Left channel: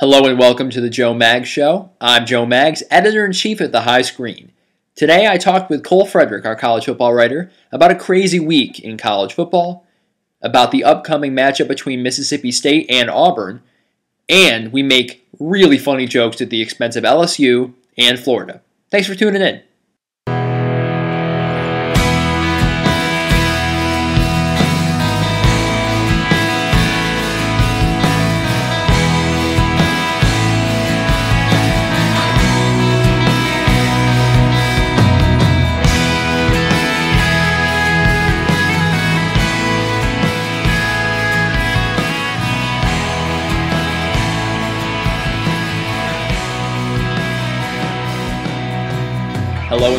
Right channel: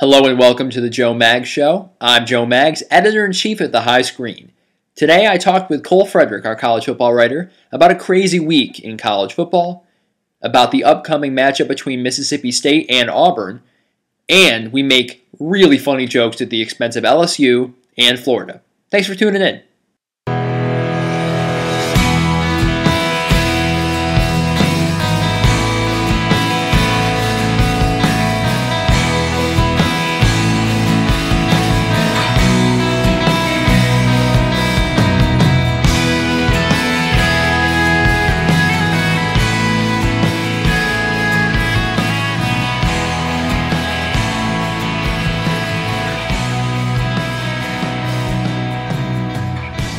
Hello and welcome to the Joe Maggs Show. I'm Joe Maggs, Editor-in-Chief at The High Screen. Today I talked with Cole Frederick, our college football writer, about a crazy week in college football, about the upcoming matchup between Mississippi State and Auburn, and we make really funny jokes at the expense of LSU and Florida. Thanks for tuning in.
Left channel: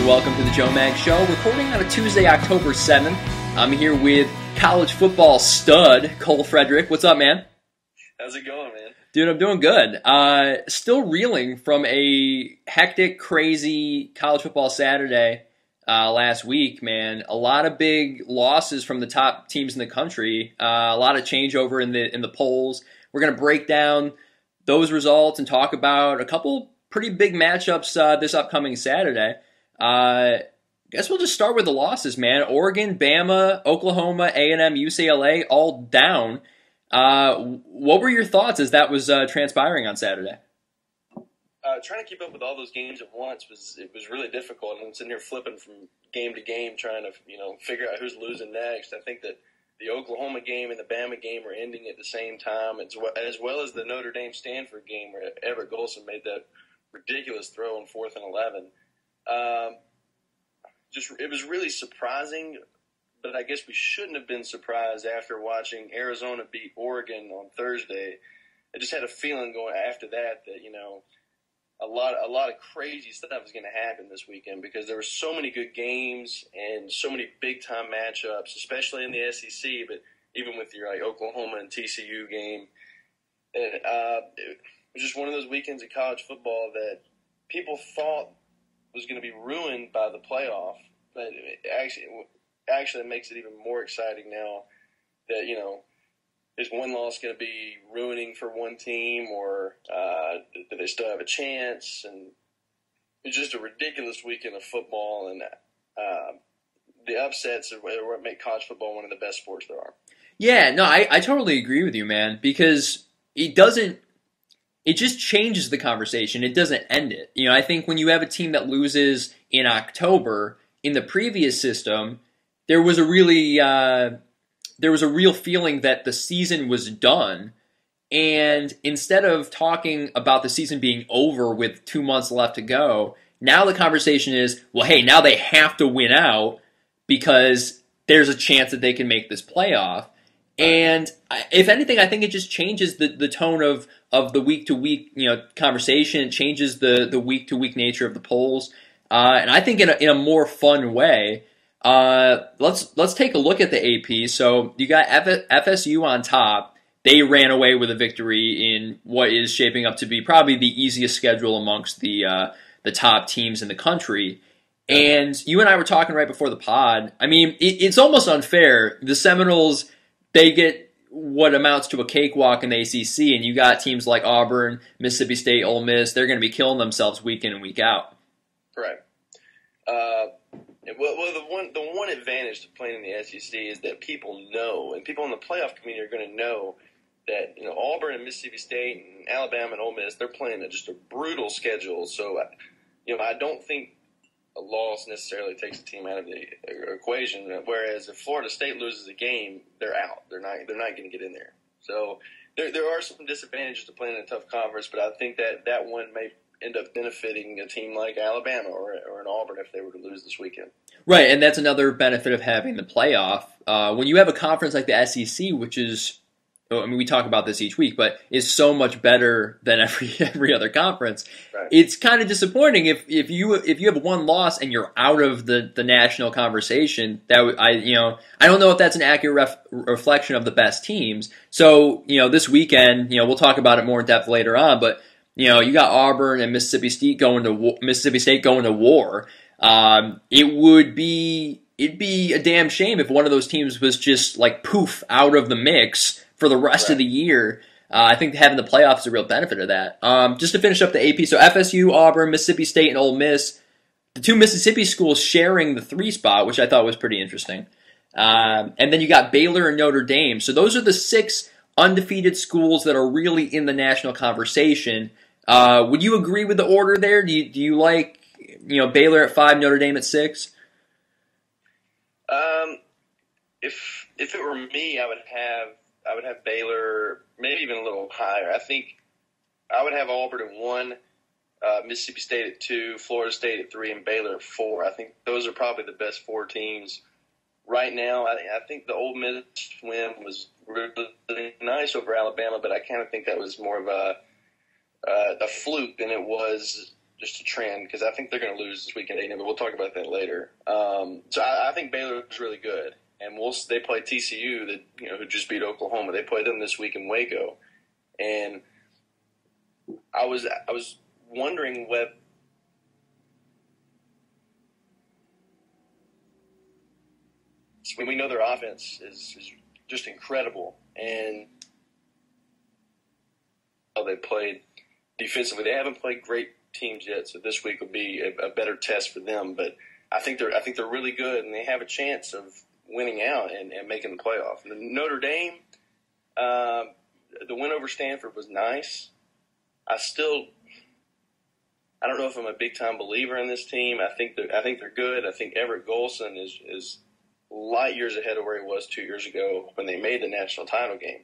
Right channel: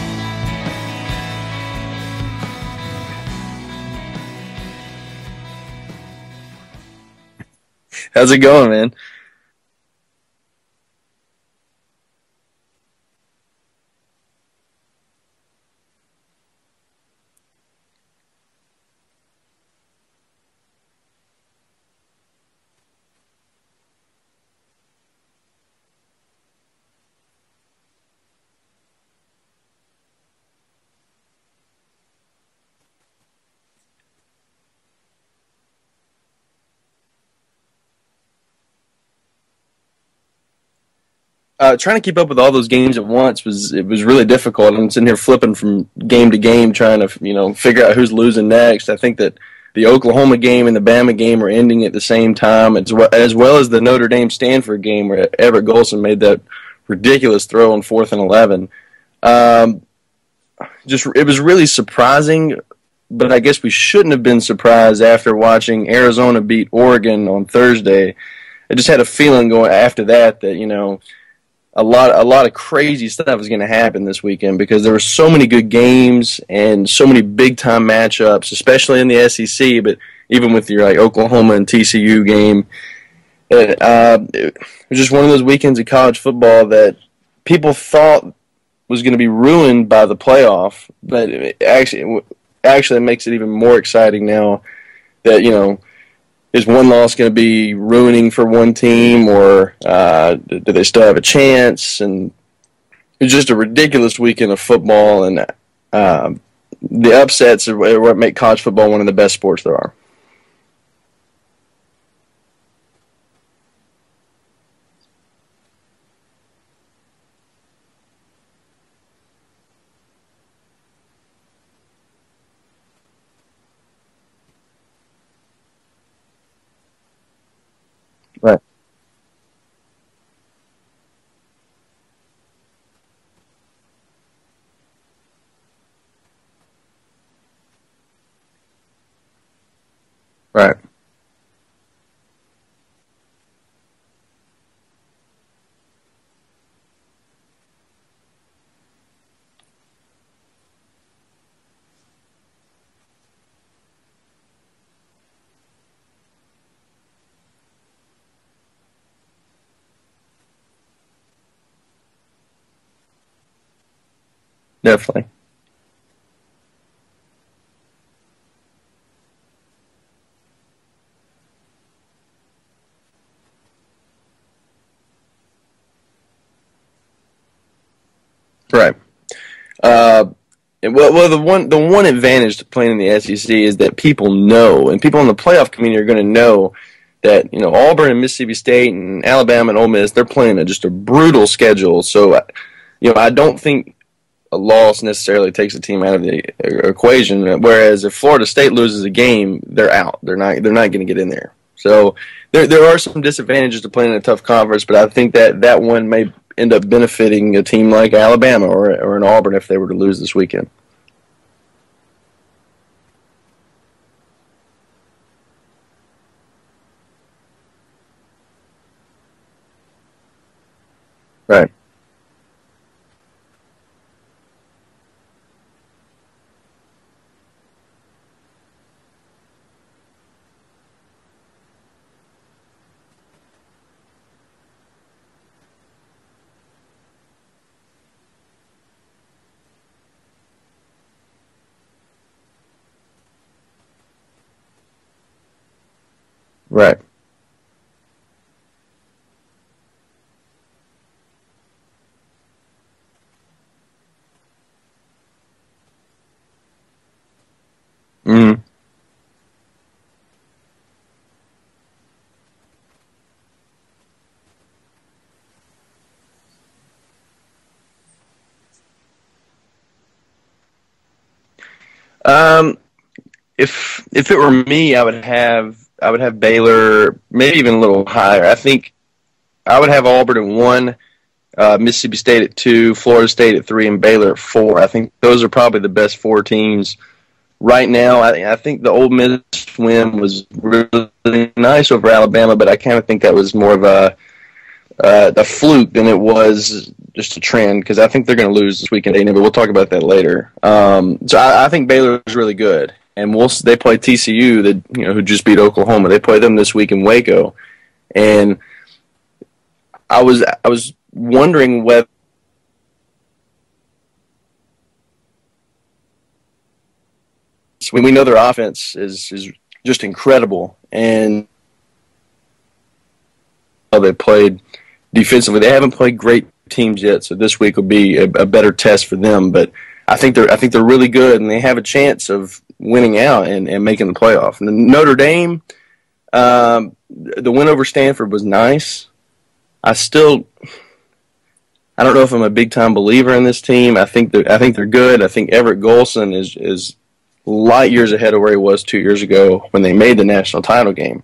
Welcome to the Joe Maggs Show, recording on a Tuesday, October 7th. I'm here with college football stud, Cole Frederick. What's up, man? How's it going, man? Dude, I'm doing good. Still reeling from a hectic, crazy college football Saturday last week, man. A lot of big losses from the top teams in the country. A lot of changeover in the polls. We're going to break down those results and talk about a couple pretty big matchups this upcoming Saturday. Guess we'll just start with the losses, man. Oregon, Bama, Oklahoma, A&M, UCLA, all down. What were your thoughts as that was transpiring on Saturday? Trying to keep up with all those games at once was really difficult. I'm sitting here flipping from game to game, trying to figure out who's losing next. I think that the Oklahoma game and the Bama game were ending at the same time, as well as the Notre Dame Stanford game where Everett Golson made that ridiculous throw on 4th and 11. It was really surprising, but I guess we shouldn't have been surprised after watching Arizona beat Oregon on Thursday. I just had a feeling going after that a lot of crazy stuff was going to happen this weekend because there were so many good games and so many big time matchups, especially in the SEC, but even with your Oklahoma and TCU game. It was just one of those weekends of college football that people thought was going to be ruined by the playoff, but it actually makes it even more exciting now that, is one loss going to be ruining for one team, or do they still have a chance? And it's just a ridiculous weekend of football, and the upsets are what make college football one of the best sports there are. Yeah, no, I totally agree with you, man, because it just changes the conversation. It doesn't end it. I think when you have a team that loses in October, in the previous system, there was a real feeling that the season was done. And right. Instead of talking about the season being over with 2 months left to go, now the conversation is, well, hey, now they have to win out because there's a chance that they can make this playoff. Right. And if anything, I think it just changes the tone of the week-to-week conversation. It changes the week-to-week nature of the polls. And I think in a more fun way. Let's take a look at the AP. So you got FSU on top. They ran away with a victory in what is shaping up to be probably the easiest schedule amongst the top teams in the country. Definitely. And you and I were talking right before the pod. I mean, it's almost unfair. The Seminoles, they get what amounts to a cakewalk in the ACC, and you got teams like Auburn, Mississippi State, Ole Miss. They're going to be killing themselves week in and week out. Right. Well, the one advantage to playing in the SEC is that people know, and people in the playoff community are going to know that Auburn and Mississippi State and Alabama and Ole Miss, they're playing just a brutal schedule. So I don't think a loss necessarily takes a team out of the equation. Whereas if Florida State loses a game, they're out. They're not going to get in there. So there are some disadvantages to playing in a tough conference, but I think that one may end up benefiting a team like Alabama or an Auburn if they were to lose this weekend. Right, and that's another benefit of having the playoff. When you have a conference like the SEC, which is, we talk about this each week, but is so much better than every other conference. Right. It's kind of disappointing if you have one loss and you're out of the national conversation. I don't know if that's an accurate reflection of the best teams. So this weekend, we'll talk about it more in depth later on. But you got Auburn and Mississippi State going to war. It'd be a damn shame if one of those teams was just poof out of the mix for the rest of the year. I think having the playoffs is a real benefit of that. Just to finish up the AP, so FSU, Auburn, Mississippi State, and Ole Miss, the two Mississippi schools sharing the 3 spot, which I thought was pretty interesting. And then you got Baylor and Notre Dame. So those are the 6 undefeated schools that are really in the national conversation. Would you agree with the order there? Do you like Baylor at 5, Notre Dame at 6? If it were me, I would have Baylor maybe even a little higher. I think I would have Auburn at 1, Mississippi State at 2, Florida State at 3, and Baylor at 4. I think those are probably the best 4 teams right now. I think the Ole Miss win was really nice over Alabama, but I kind of think that was more of a fluke than it was just a trend, because I think they're going to lose this weekend, but we'll talk about that later. So I think Baylor is really good, and they play TCU, that who just beat Oklahoma. They play them this week in Waco, and I was wondering what. We know their offense is just incredible, and they played defensively. They haven't played great teams yet, so this week will be a better test for them. But I think they're really good, and they have a chance of winning out and making the playoff. And then Notre Dame, the win over Stanford was nice. I don't know if I'm a big time believer in this team. I think they're good. I think Everett Golson is light years ahead of where he was 2 years ago when they made the national title game.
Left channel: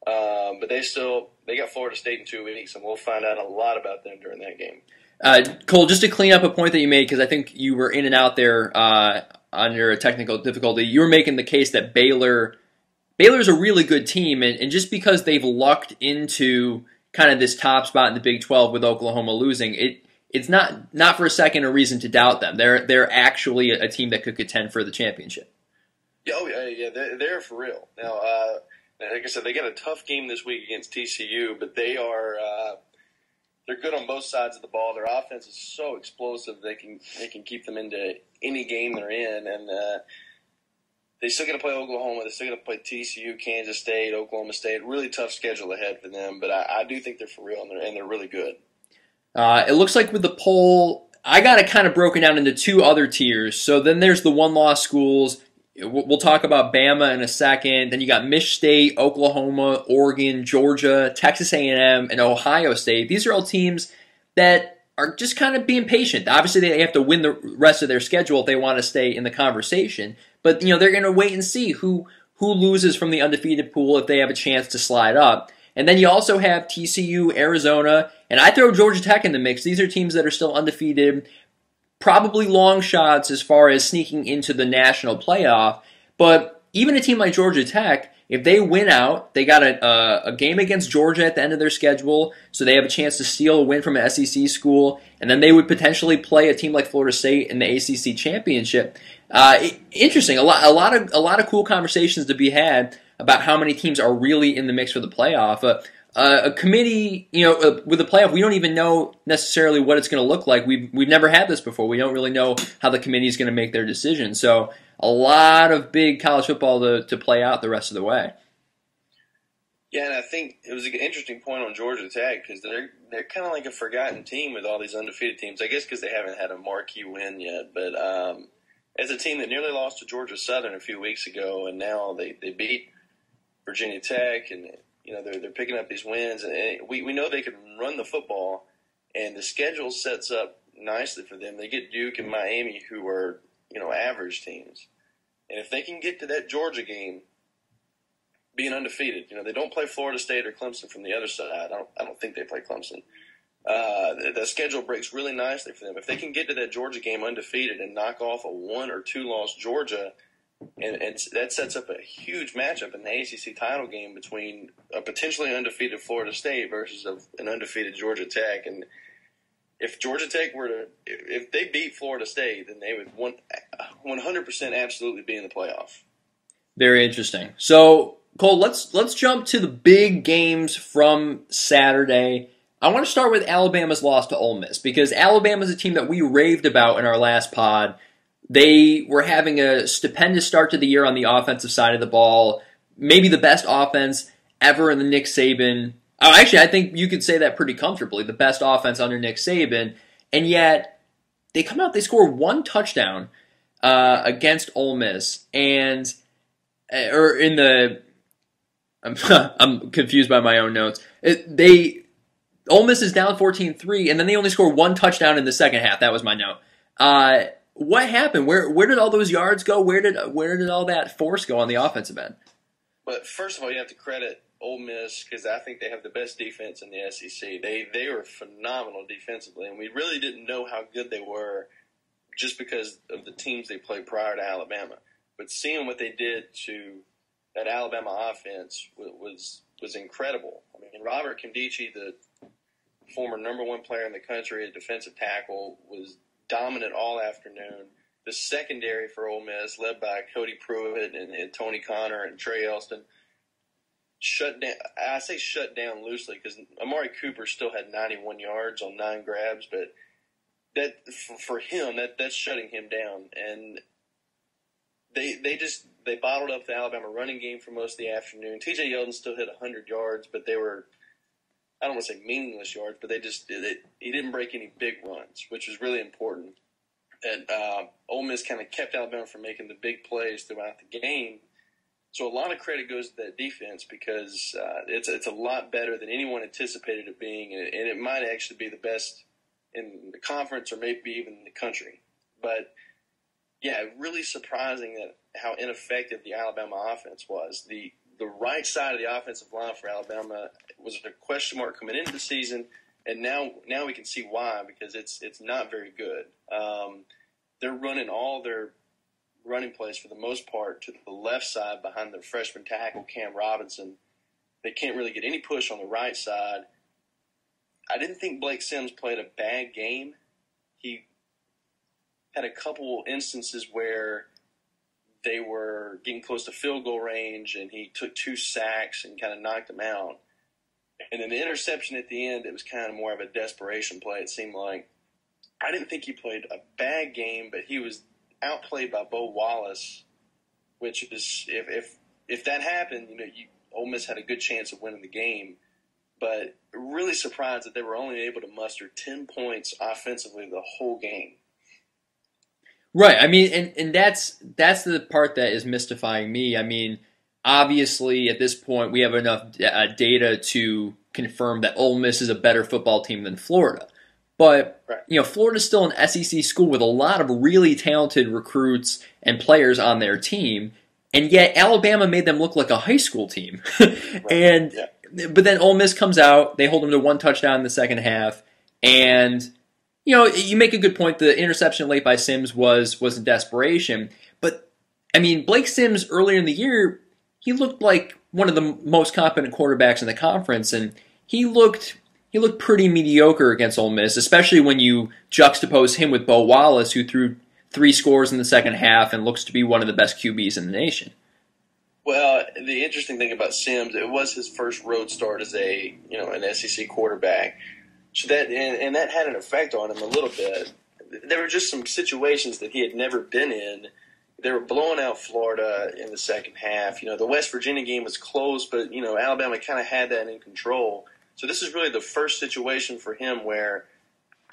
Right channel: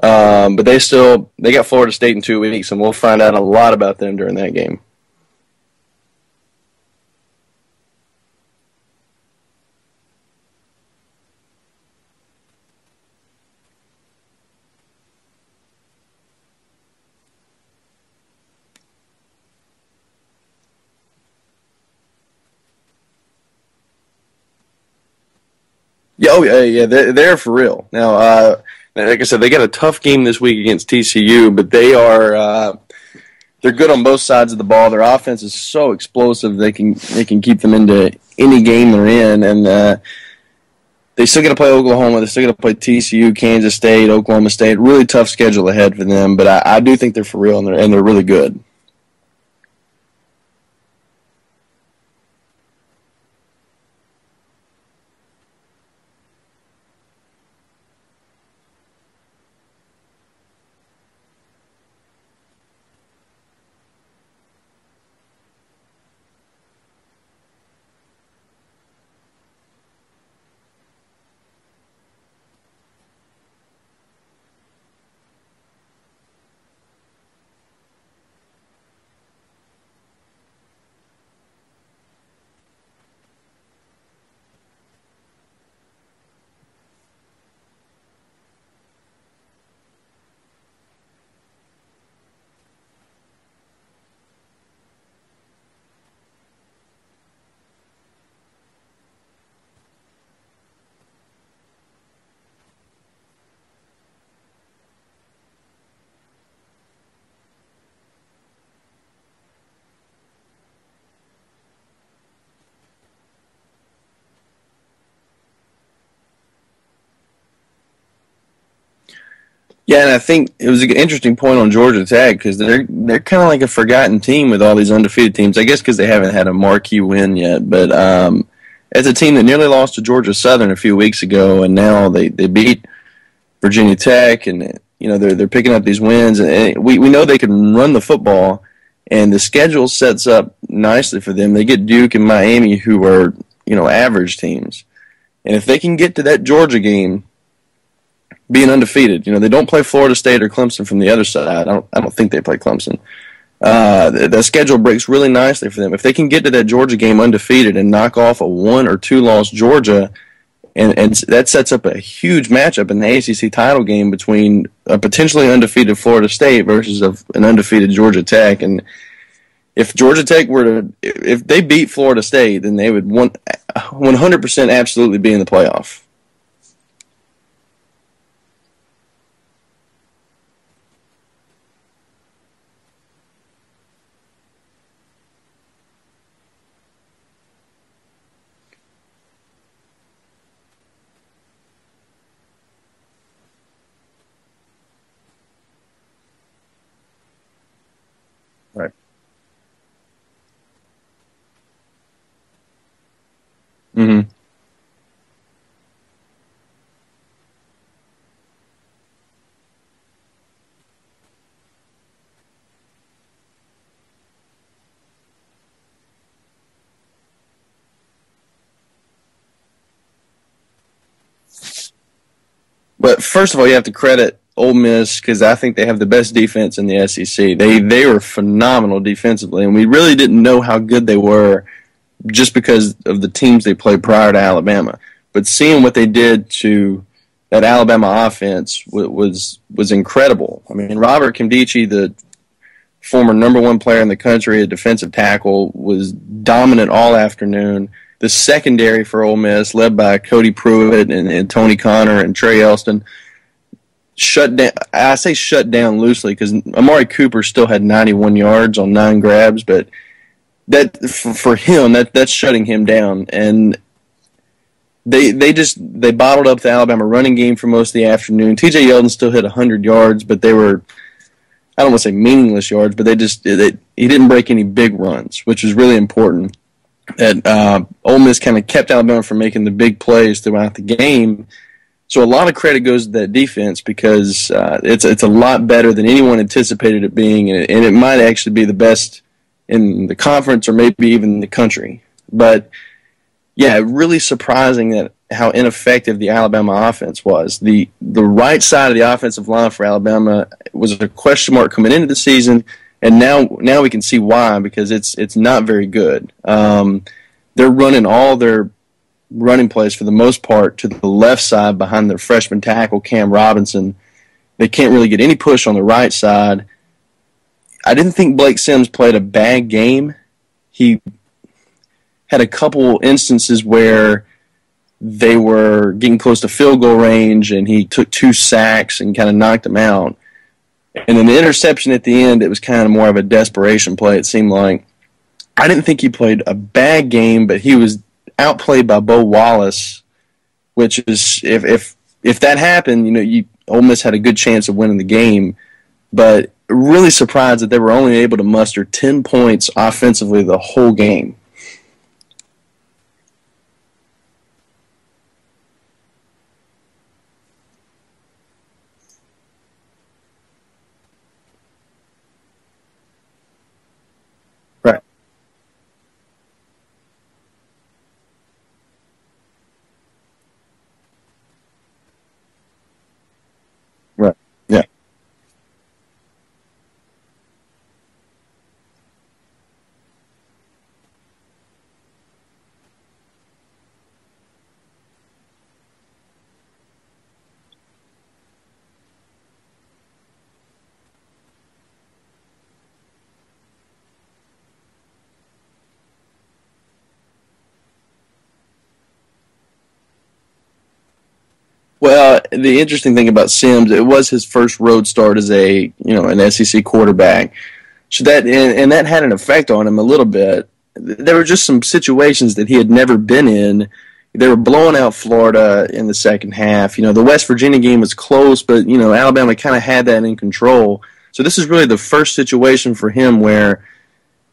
But they got Florida State in 2 weeks, and we'll find out a lot about them during that game. Cole, just to clean up a point that you made, because I think you were in and out there under a technical difficulty, you were making the case that Baylor's a really good team, and just because they've lucked into kind of this top spot in the Big 12 with Oklahoma losing, it's not for a second a reason to doubt them. They're actually a team that could contend for the championship. Yeah, they're for real. Now, like I said, they got a tough game this week against TCU, but they're good on both sides of the ball. Their offense is so explosive they can keep them into any game they're in, and they still got to play Oklahoma. They still got to play TCU, Kansas State, Oklahoma State. Really tough schedule ahead for them, but I do think they're for real, and they're really good. It looks like with the poll, I got it kind of broken down into 2 other tiers. So then there's the one-loss schools. We'll talk about Bama in a second. Then you got Mich State, Oklahoma, Oregon, Georgia, Texas A&M, and Ohio State. These are all teams that are just kind of being patient. Obviously, they have to win the rest of their schedule if they want to stay in the conversation. But they're going to wait and see who loses from the undefeated pool if they have a chance to slide up. And then you also have TCU, Arizona, and I throw Georgia Tech in the mix. These are teams that are still undefeated, probably long shots as far as sneaking into the national playoff. But even a team like Georgia Tech, if they win out, they got a game against Georgia at the end of their schedule, so they have a chance to steal a win from an SEC school, and then they would potentially play a team like Florida State in the ACC championship. Interesting, a lot of cool conversations to be had about how many teams are really in the mix for the playoff. A committee, with the playoff, we don't even know necessarily what it's going to look like. We've never had this before. We don't really know how the committee is going to make their decision. So a lot of big college football to play out the rest of the way. Yeah, and I think it was an interesting point on Georgia Tech, because they're kind of like a forgotten team with all these undefeated teams. I guess because they haven't had a marquee win yet, but as a team that nearly lost to Georgia Southern a few weeks ago, and now they beat Virginia Tech, and they're picking up these wins, and we know they can run the football, and the schedule sets up nicely for them. They get Duke and Miami, who are average teams, and if they can get to that Georgia game being undefeated, they don't play Florida State or Clemson from the other side. I don't think they play Clemson. The schedule breaks really nicely for them. If they can get to that Georgia game undefeated and knock off a 1 or 2 loss Georgia, and that sets up a huge matchup in the ACC title game between a potentially undefeated Florida State versus an undefeated Georgia Tech. And if Georgia Tech if they beat Florida State, then they would 100% absolutely be in the playoff. Very interesting. So, Cole, let's jump to the big games from Saturday. I want to start with Alabama's loss to Ole Miss, because Alabama's a team that we raved about in our last pod. They were having a stupendous start to the year on the offensive side of the ball, maybe the best offense ever in the Nick Saban Actually, I think you could say that pretty comfortably. The best offense under Nick Saban, and yet they come out, they score one touchdown against Ole Miss, and or in the I'm confused by my own notes. Ole Miss is down 14-3, and then they only score one touchdown in the second half. That was my note. What happened? Where did all those yards go? Where did all that force go on the offensive end? But first of all, you have to credit Ole Miss because I think they have the best defense in the SEC. They were phenomenal defensively, and we really didn't know how good they were just because of the teams they played prior to Alabama. But seeing what they did to that Alabama offense was incredible. I mean, Robert Nkemdiche, the former #1 player in the country, a defensive tackle, was dominant all afternoon. The secondary for Ole Miss, led by Cody Pruitt and Tony Connor and Trey Elston, shut down. I say shut down loosely because Amari Cooper still had 91 yards on 9 grabs, but that for him, that's shutting him down. And they bottled up the Alabama running game for most of the afternoon. T.J. Yeldon still hit 100 yards, but they were, I don't want to say meaningless yards, but he didn't break any big runs, which was really important. That Ole Miss kind of kept Alabama from making the big plays throughout the game. So a lot of credit goes to that defense because it's a lot better than anyone anticipated it being, and it might actually be the best in the conference or maybe even the country. But yeah, really surprising that how ineffective the Alabama offense was. The right side of the offensive line for Alabama was a question mark coming into the season, and now we can see why, because it's not very good. They're running all their running plays for the most part to the left side behind their freshman tackle Cam Robinson. They can't really get any push on the right side. I didn't think Blake Sims played a bad game. He had a couple instances where they were getting close to field goal range, and he took 2 sacks and kind of knocked them out. And then the interception at the end, it was kind of more of a desperation play, it seemed like. I didn't think he played a bad game, but he was outplayed by Bo Wallace, which is, if that happened, Ole Miss had a good chance of winning the game. But really surprised that they were only able to muster 10 points offensively the whole game. Right. I mean, and that's the part that is mystifying me. I mean, obviously at this point we have enough data to confirm that Ole Miss is a better football team than Florida. But right. Florida's still an SEC school with a lot of really talented recruits and players on their team, and yet Alabama made them look like a high school team. Right. But then Ole Miss comes out, they hold them to 1 touchdown in the second half, and you make a good point. The interception late by Sims was in desperation, but I mean, Blake Sims earlier in the year, he looked like one of the most competent quarterbacks in the conference, and he looked pretty mediocre against Ole Miss, especially when you juxtapose him with Bo Wallace, who threw 3 scores in the second half and looks to be one of the best QBs in the nation. Well, the interesting thing about Sims, it was his first road start as an SEC quarterback. So that had an effect on him a little bit. There were just some situations that he had never been in. They were blowing out Florida in the second half. The West Virginia game was close, but Alabama kind of had that in control. So this is really the first situation for him where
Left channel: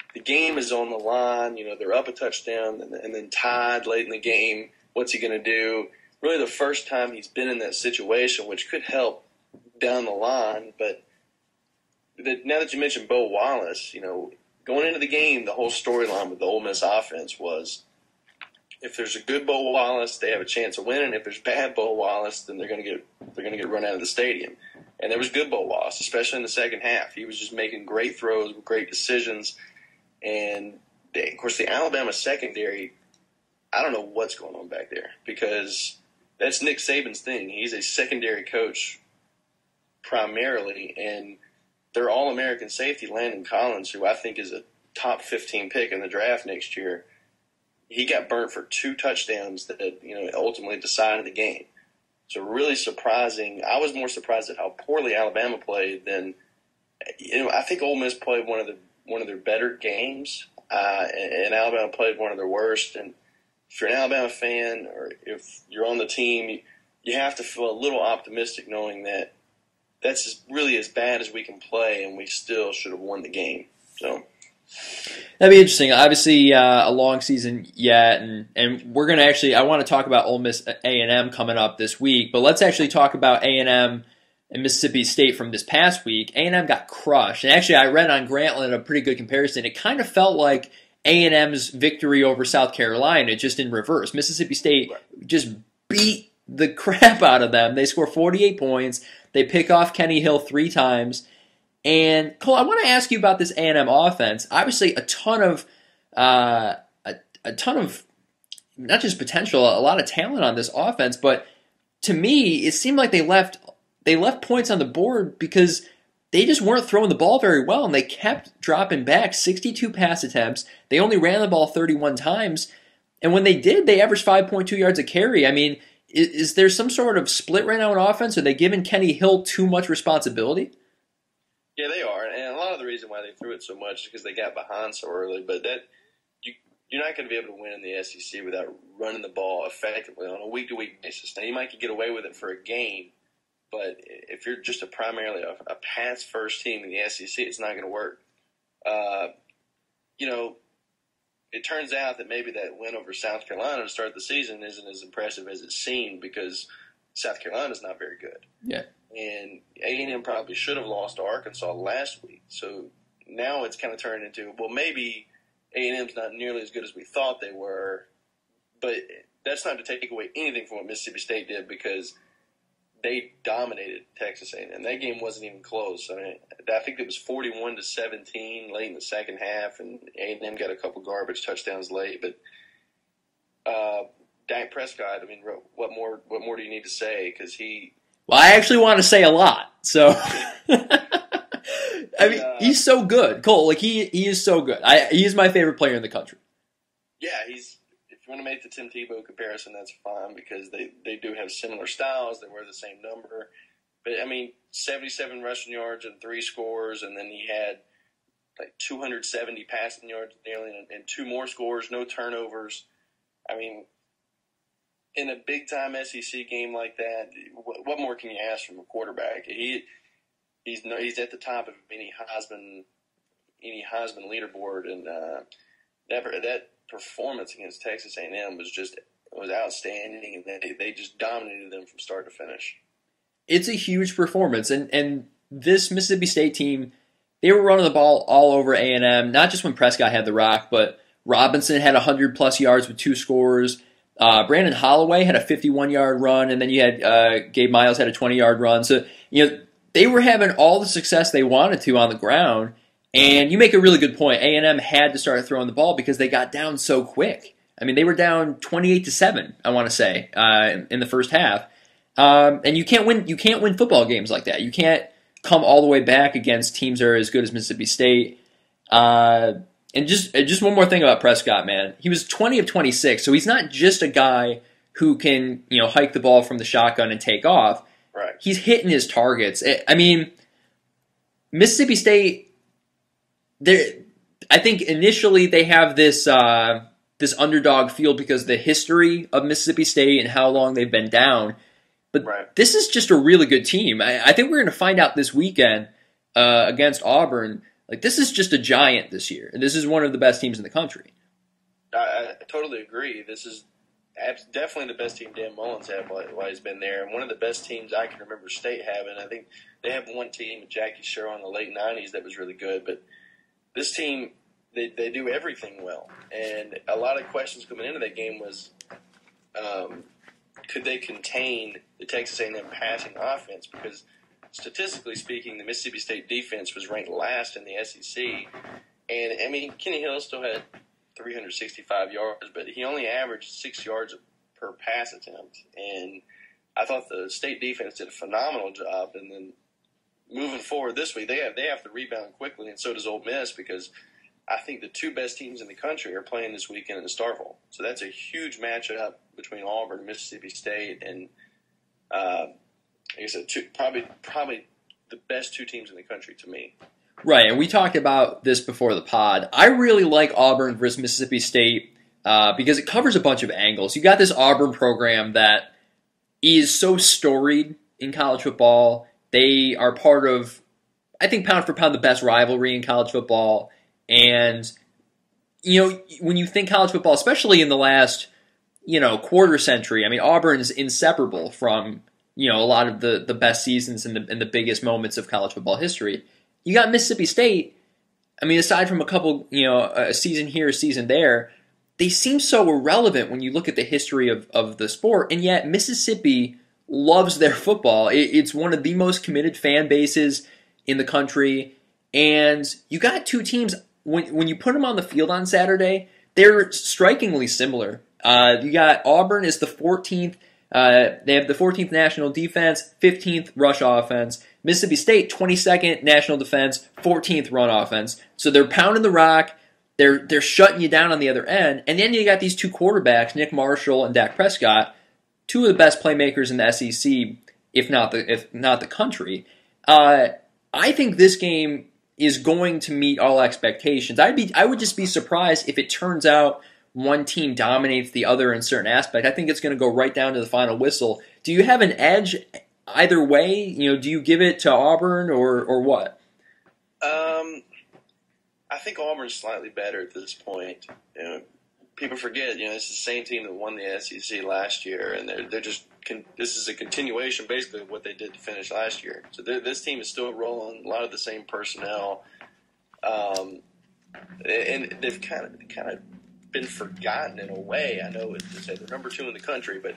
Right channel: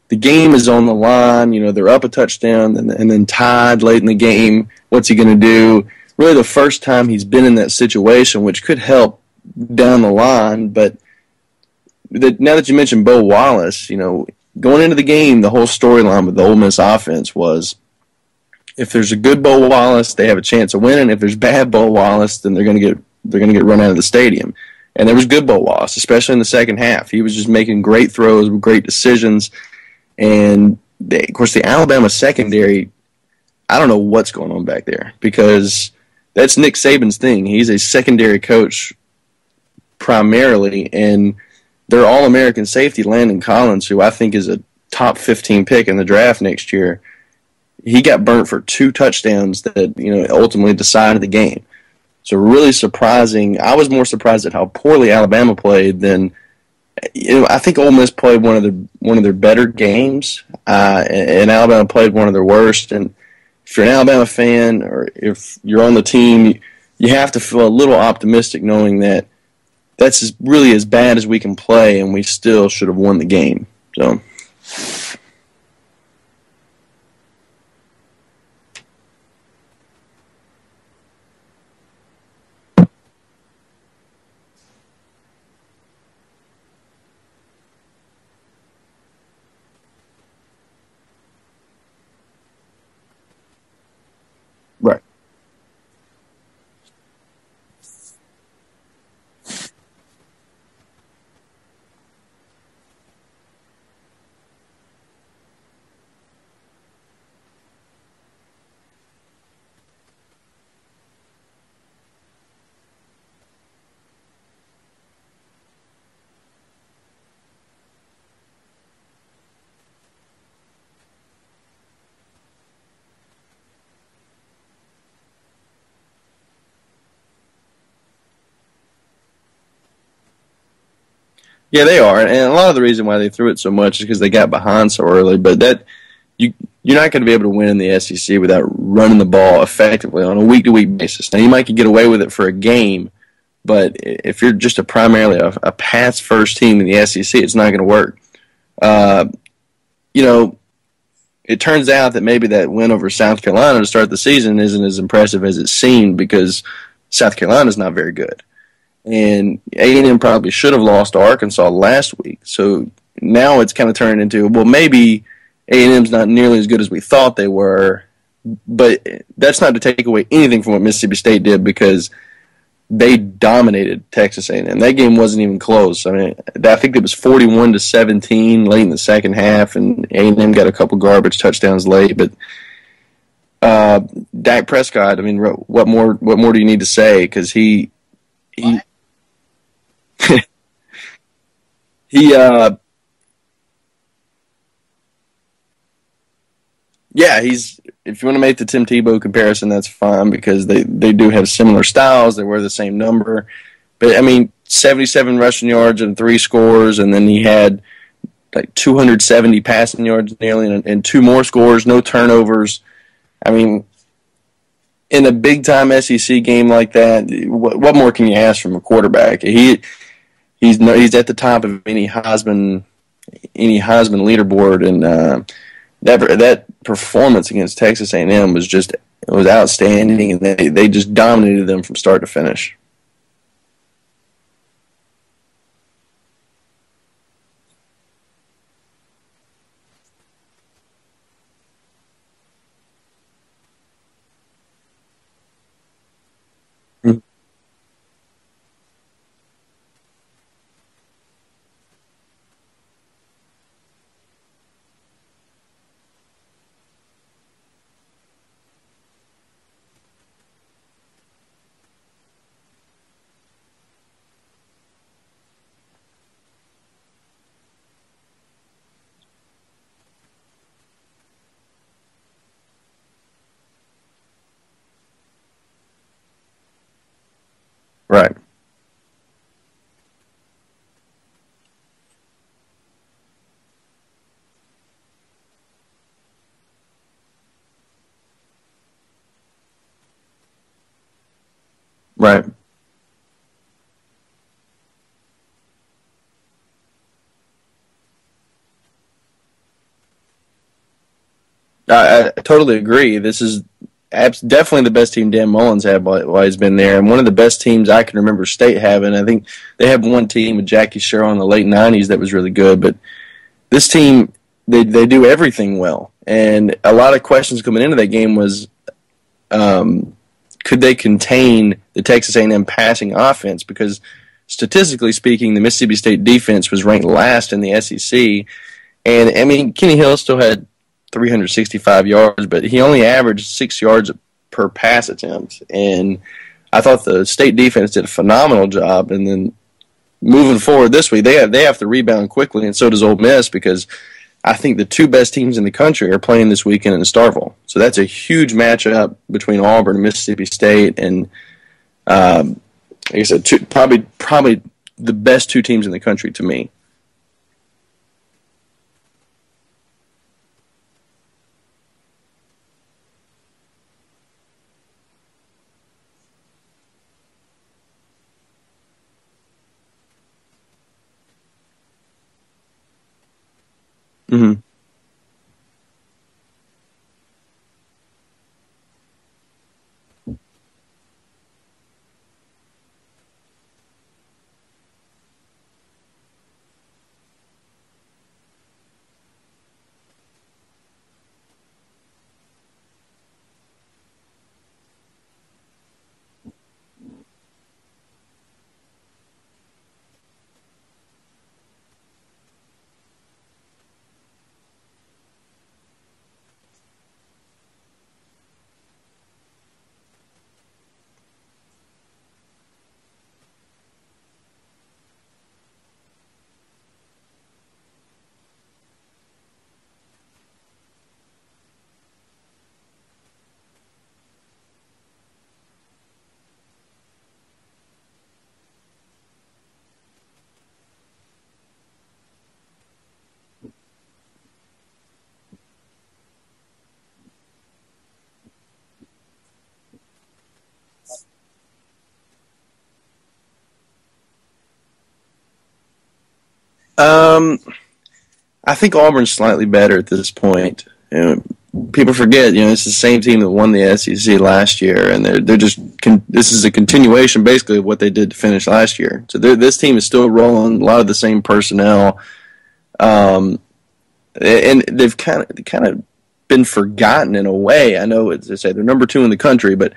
the game is on the line. They're up a touchdown and then tied late in the game. What's he going to do? Really the first time he's been in that situation, which could help down the line. But now that you mentioned Bo Wallace, going into the game, the whole storyline with the Ole Miss offense was if there's a good Bo Wallace, they have a chance of winning. If there's bad Bo Wallace, then they're going to get run out of the stadium. And there was good Bo Wallace, especially in the second half. He was just making great throws, great decisions. And, of course, the Alabama secondary, I don't know what's going on back there because that's Nick Saban's thing. He's a secondary coach primarily, and their All-American safety, Landon Collins, who I think is a top 15 pick in the draft next year, he got burnt for 2 touchdowns that ultimately decided the game. So really surprising. I was more surprised at how poorly Alabama played than I think Ole Miss played one of their better games, and Alabama played one of their worst. And if you're an Alabama fan or if you're on the team, you have to feel a little optimistic knowing that that's really as bad as we can play, and we still should have won the game. So that'd be interesting. Obviously, a long season yet, and we're gonna actually. I want to talk about Ole Miss A&M coming up this week, but let's actually talk about A&M and Mississippi State from this past week. A&M got crushed, and actually, I read on Grantland a pretty good comparison. It kind of felt like A&M's victory over South Carolina, just in reverse. Mississippi State just beat the crap out of them. They score 48 points. They pick off Kenny Hill 3 times. And Cole, I want to ask you about this A&M offense. Obviously, a ton of not just potential, a lot of talent on this offense. But to me, it seemed like they left points on the board because they just weren't throwing the ball very well, and they kept dropping back. 62 pass attempts. They only ran the ball 31 times, and when they did, they averaged 5.2 yards a carry. I mean, is there some sort of split right now in offense? Are they giving Kenny Hill too much responsibility? Yeah, they are, and a lot of the reason why they threw it so much is because they got behind so early. But you're not going to be able to win in the SEC without running the ball effectively on a week-to-week basis. Now, you might get away with it for a game, but if you're just primarily a pass-first team in the SEC, it's not going to work. It turns out that maybe that win over South Carolina to start the season isn't as impressive as it seemed because South Carolina's not very good. Yeah. And A&M probably should have lost to Arkansas last week. So now it's kind of turned into, well, maybe A&M's not nearly as good as we thought they were, but that's not to take away anything from what Mississippi State did because they dominated Texas A&M. That game wasn't even close. I mean, I think it was 41-17 late in the second half, and A&M got a couple garbage touchdowns late. But Dak Prescott, I mean, what more do you need to say? Because I actually want to say a lot. So he's so good, Cole. Like he is so good. He is my favorite player in the country. Yeah, if you want to make the Tim Tebow comparison, that's fine because they do have similar styles. They wear the same number. But, I mean, 77 rushing yards and 3 scores, and then he had like 270 passing yards nearly and 2 more scores, no turnovers. I mean, in a big-time SEC game like that, what more can you ask from a quarterback? He's at the top of any Heisman leaderboard, and that performance against Texas A&M was outstanding, and they just dominated them from start to finish. It's a huge performance, and this Mississippi State team, they were running the ball all over A&M, not just when Prescott had the rock, but Robinson had 100-plus yards with 2 scores. Brandon Holloway had a 51-yard run, and then you had Gabe Miles had a 20-yard run. So, they were having all the success they wanted to on the ground. And you make a really good point. A&M had to start throwing the ball because they got down so quick. I mean, they were down 28-7, I want to say, in the first half. And you can't win football games like that. You can't come all the way back against teams that are as good as Mississippi State. And just one more thing about Prescott, man. He was 20 of 26, so he's not just a guy who can hike the ball from the shotgun and take off. Right. He's hitting his targets. I mean, Mississippi State. I think initially they have this underdog feel because of the history of Mississippi State and how long they've been down. But This is just a really good team. I think we're going to find out this weekend against Auburn. Like, this is just a giant this year. And this is one of the best teams in the country. I totally agree. This is definitely the best team Dan Mullen's had while he's been there, and one of the best teams I can remember State having. I think they had one team with Jackie Sherrill in the late 90s that was really good, but this team, they do everything well. And a lot of questions coming into that game was, could they contain the Texas A&M passing offense? Because statistically speaking, the Mississippi State defense was ranked last in the SEC. And, I mean, Kenny Hill still had 365 yards, but he only averaged 6 yards per pass attempt. And I thought the State defense did a phenomenal job. And then moving forward this week, they have to rebound quickly, and so does Ole Miss, because I think the 2 best teams in the country are playing this weekend in Starkville. So that's a huge matchup between Auburn and Mississippi State, and like I said, probably the best 2 teams in the country to me. Right, and we talked about this before the pod. I really like Auburn versus Mississippi State because it covers a bunch of angles. You got this Auburn program that is so storied in college football. They are part of, I think, pound for pound, the best rivalry in college football. And, when you think college football, especially in the last, quarter century, I mean, Auburn's inseparable from, a lot of the best seasons and the biggest moments of college football history. You got Mississippi State. I mean, aside from a couple, a season here, a season there, they seem so irrelevant when you look at the history of the sport, and yet Mississippi loves their football. It's one of the most committed fan bases in the country, and you got two teams, when you put them on the field on Saturday, they're strikingly similar. You got Auburn is the 14th, they have the 14th national defense, 15th rush offense. Mississippi State, 22nd national defense, 14th run offense. So they're pounding the rock. They're shutting you down on the other end. And then you got these two quarterbacks, Nick Marshall and Dak Prescott, two of the best playmakers in the SEC, if not the country. I think this game is going to meet all expectations. I would just be surprised if it turns out one team dominates the other in certain aspect. I think it's going to go right down to the final whistle. Do you have an edge either way? Do you give it to Auburn or what? I think Auburn's slightly better at this point. People forget, it's the same team that won the SEC last year, and they're just this is a continuation basically of what they did to finish last year. So this team is still rolling, a lot of the same personnel, and they've kind of been forgotten in a way. I know they say they're number 2 in the country, but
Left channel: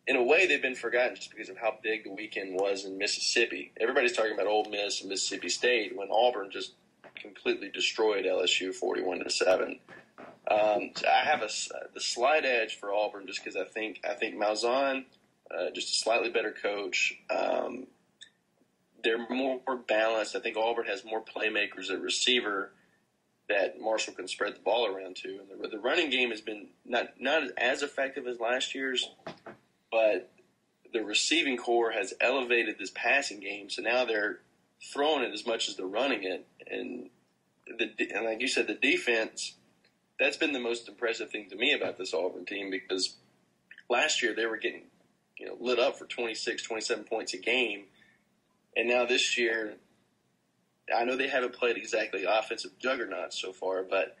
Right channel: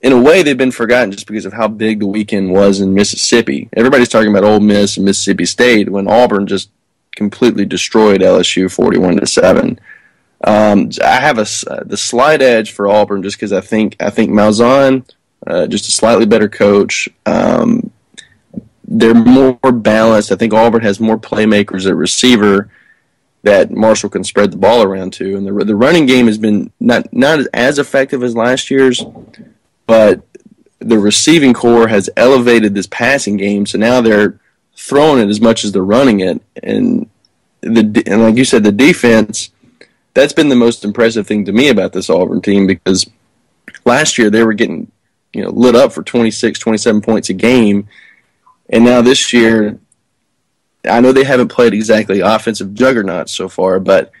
in a way they've been forgotten just because of how big the weekend was in Mississippi. Everybody's talking about Ole Miss and Mississippi State when Auburn just completely destroyed LSU 41-7. I have the slight edge for Auburn just because I think Malzahn, just a slightly better coach. They're more balanced. I think Auburn has more playmakers at receiver that Marshall can spread the ball around to, and the running game has been not as effective as last year's, but the receiving core has elevated this passing game, so now they're throwing it as much as they're running it, and like you said, the defense. That's been the most impressive thing to me about this Auburn team, because last year they were getting lit up for 26, 27 points a game, and now this year, I know they haven't played exactly offensive juggernauts so far, but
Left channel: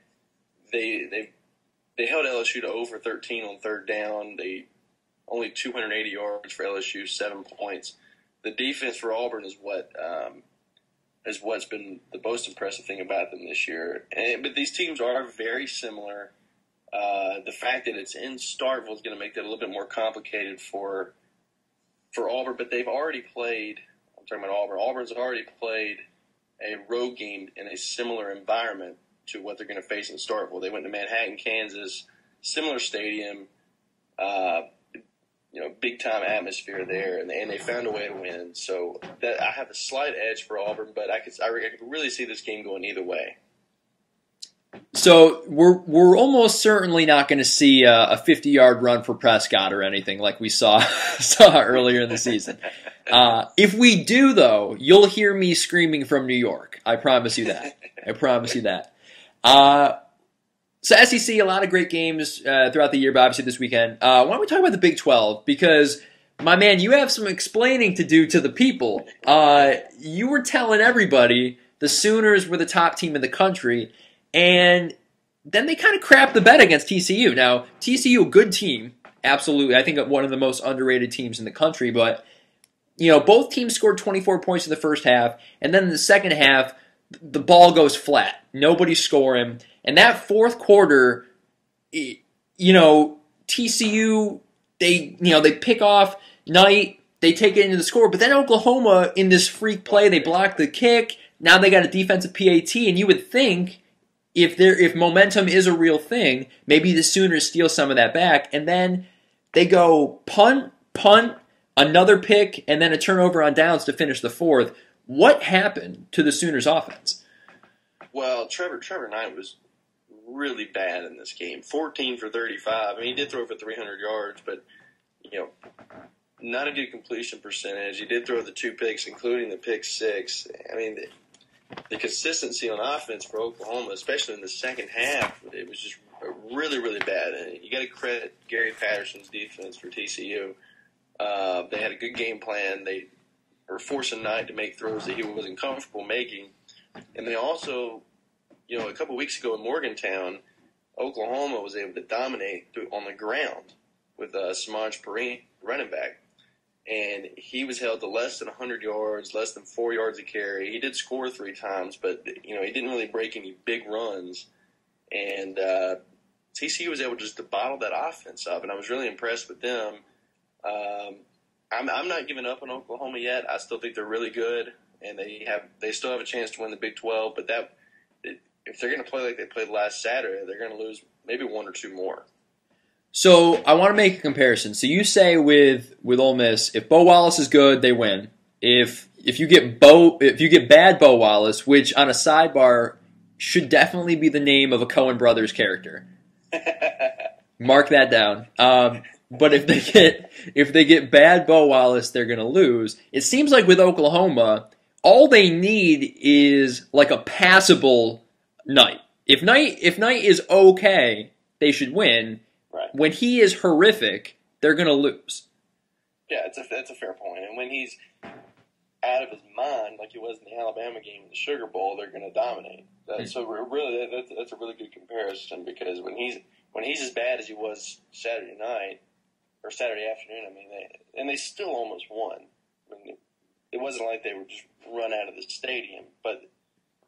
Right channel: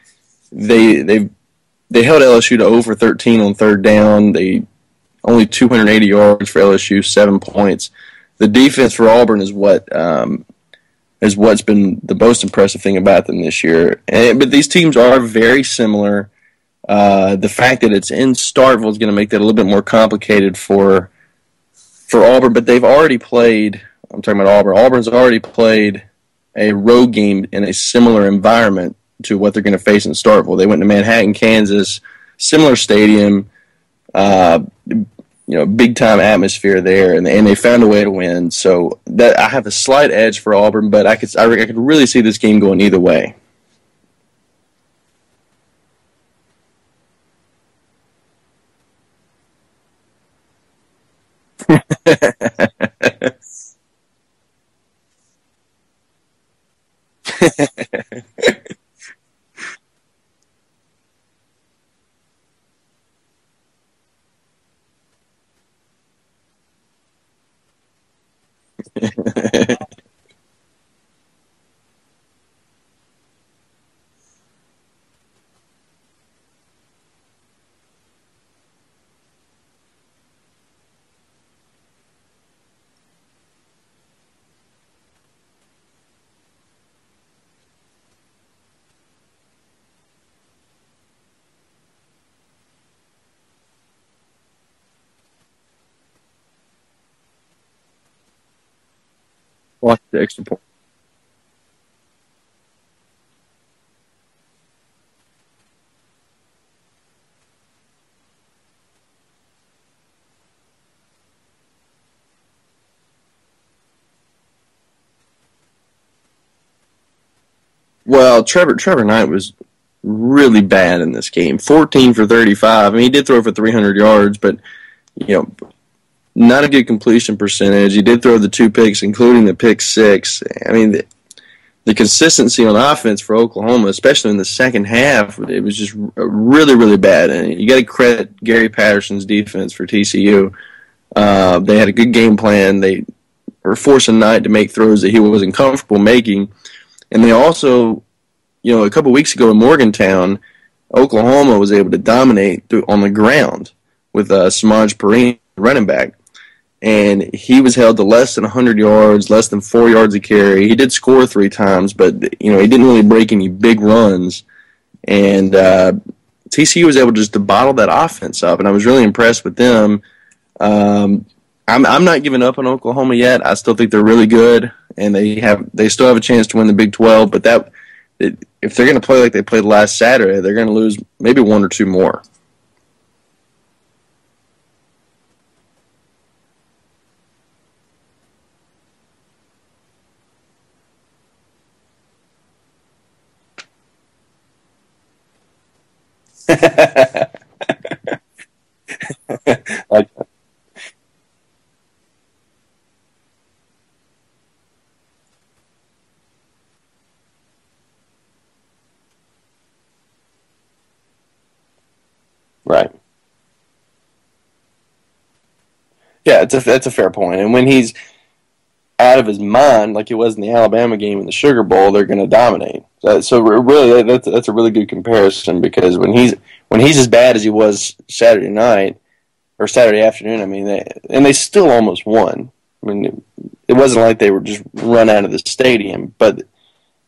they held LSU to over 13 on third down. They only 280 yards for LSU, 7 points. The defense for Auburn is what's been the most impressive thing about them this year. But these teams are very similar. The fact that it's in Starkville is going to make that a little bit more complicated for Auburn. But they've already played. I'm talking about Auburn. Auburn's already played a road game in a similar environment to what they're going to face in Starkville. They went to Manhattan, Kansas, similar stadium. Big time atmosphere there, and they found a way to win. So that I have a slight edge for Auburn, but I could really see this game going either way. So we're almost certainly not going to see a 50-yard run for Prescott or anything like we saw earlier in the season. If we do, though, you'll hear me screaming from New York. I promise you that. I promise you that. So SEC, a lot of great games throughout the year, but obviously this weekend. Why don't we talk about the Big 12? Because, my man, you have some explaining to do to the people. You were telling everybody the Sooners were the top team in the country, and then they kind of crapped the bed against TCU. Now, TCU, a good team, absolutely. I think one of the most underrated teams in the country, but both teams scored 24 points in the first half, and then in the second half, the ball goes flat. Nobody's scoring. And that fourth quarter, TCU, they pick off Knight, they take it into the score, but then Oklahoma, in this freak play, they block the kick. Now they got a defensive PAT, and you would think if momentum is a real thing, maybe the Sooners steal some of that back, and then they go punt, another pick, and then a turnover on downs to finish the fourth. What happened to the Sooners offense? Well, Trevor Knight was really bad in this game. 14 for 35. I mean, he did throw for 300 yards, but, not a good completion percentage. He did throw the 2 picks, including the pick 6. I mean, the consistency on offense for Oklahoma, especially in the second half, it was just really, really bad. And you got to credit Gary Patterson's defense for TCU. They had a good game plan. They or forcing Knight to make throws that he wasn't comfortable making. And they also, a couple weeks ago in Morgantown, Oklahoma was able to dominate on the ground with Samaj Perine, running back. And he was held to less than 100 yards, less than 4 yards a carry. He did score 3 times, but he didn't really break any big runs. And TCU was able just to bottle that offense up, and I was really impressed with them. I'm not giving up on Oklahoma yet. I still think they're really good, and they still have a chance to win the Big 12. But if they're going to play like they played last Saturday, they're going to lose maybe 1 or 2 more. So I want to make a comparison. So you say with Ole Miss, if Bo Wallace is good, they win. If you get bad Bo Wallace, which on a sidebar should definitely be the name of a Coen Brothers character. Mark that down. But if they get bad Bo Wallace, they're going to lose. It seems like with Oklahoma, all they need is like a passable Knight. If Knight is okay, they should win. Right. When he is horrific, they're going to lose. Yeah, that's a fair point. And when he's out of his mind, like he was in the Alabama game in the Sugar Bowl, they're going to dominate. So really, that's a really good comparison, because when he's as bad as he was Saturday night or Saturday afternoon, I mean, they still almost won. I mean, it wasn't like they were just run out of the stadium, but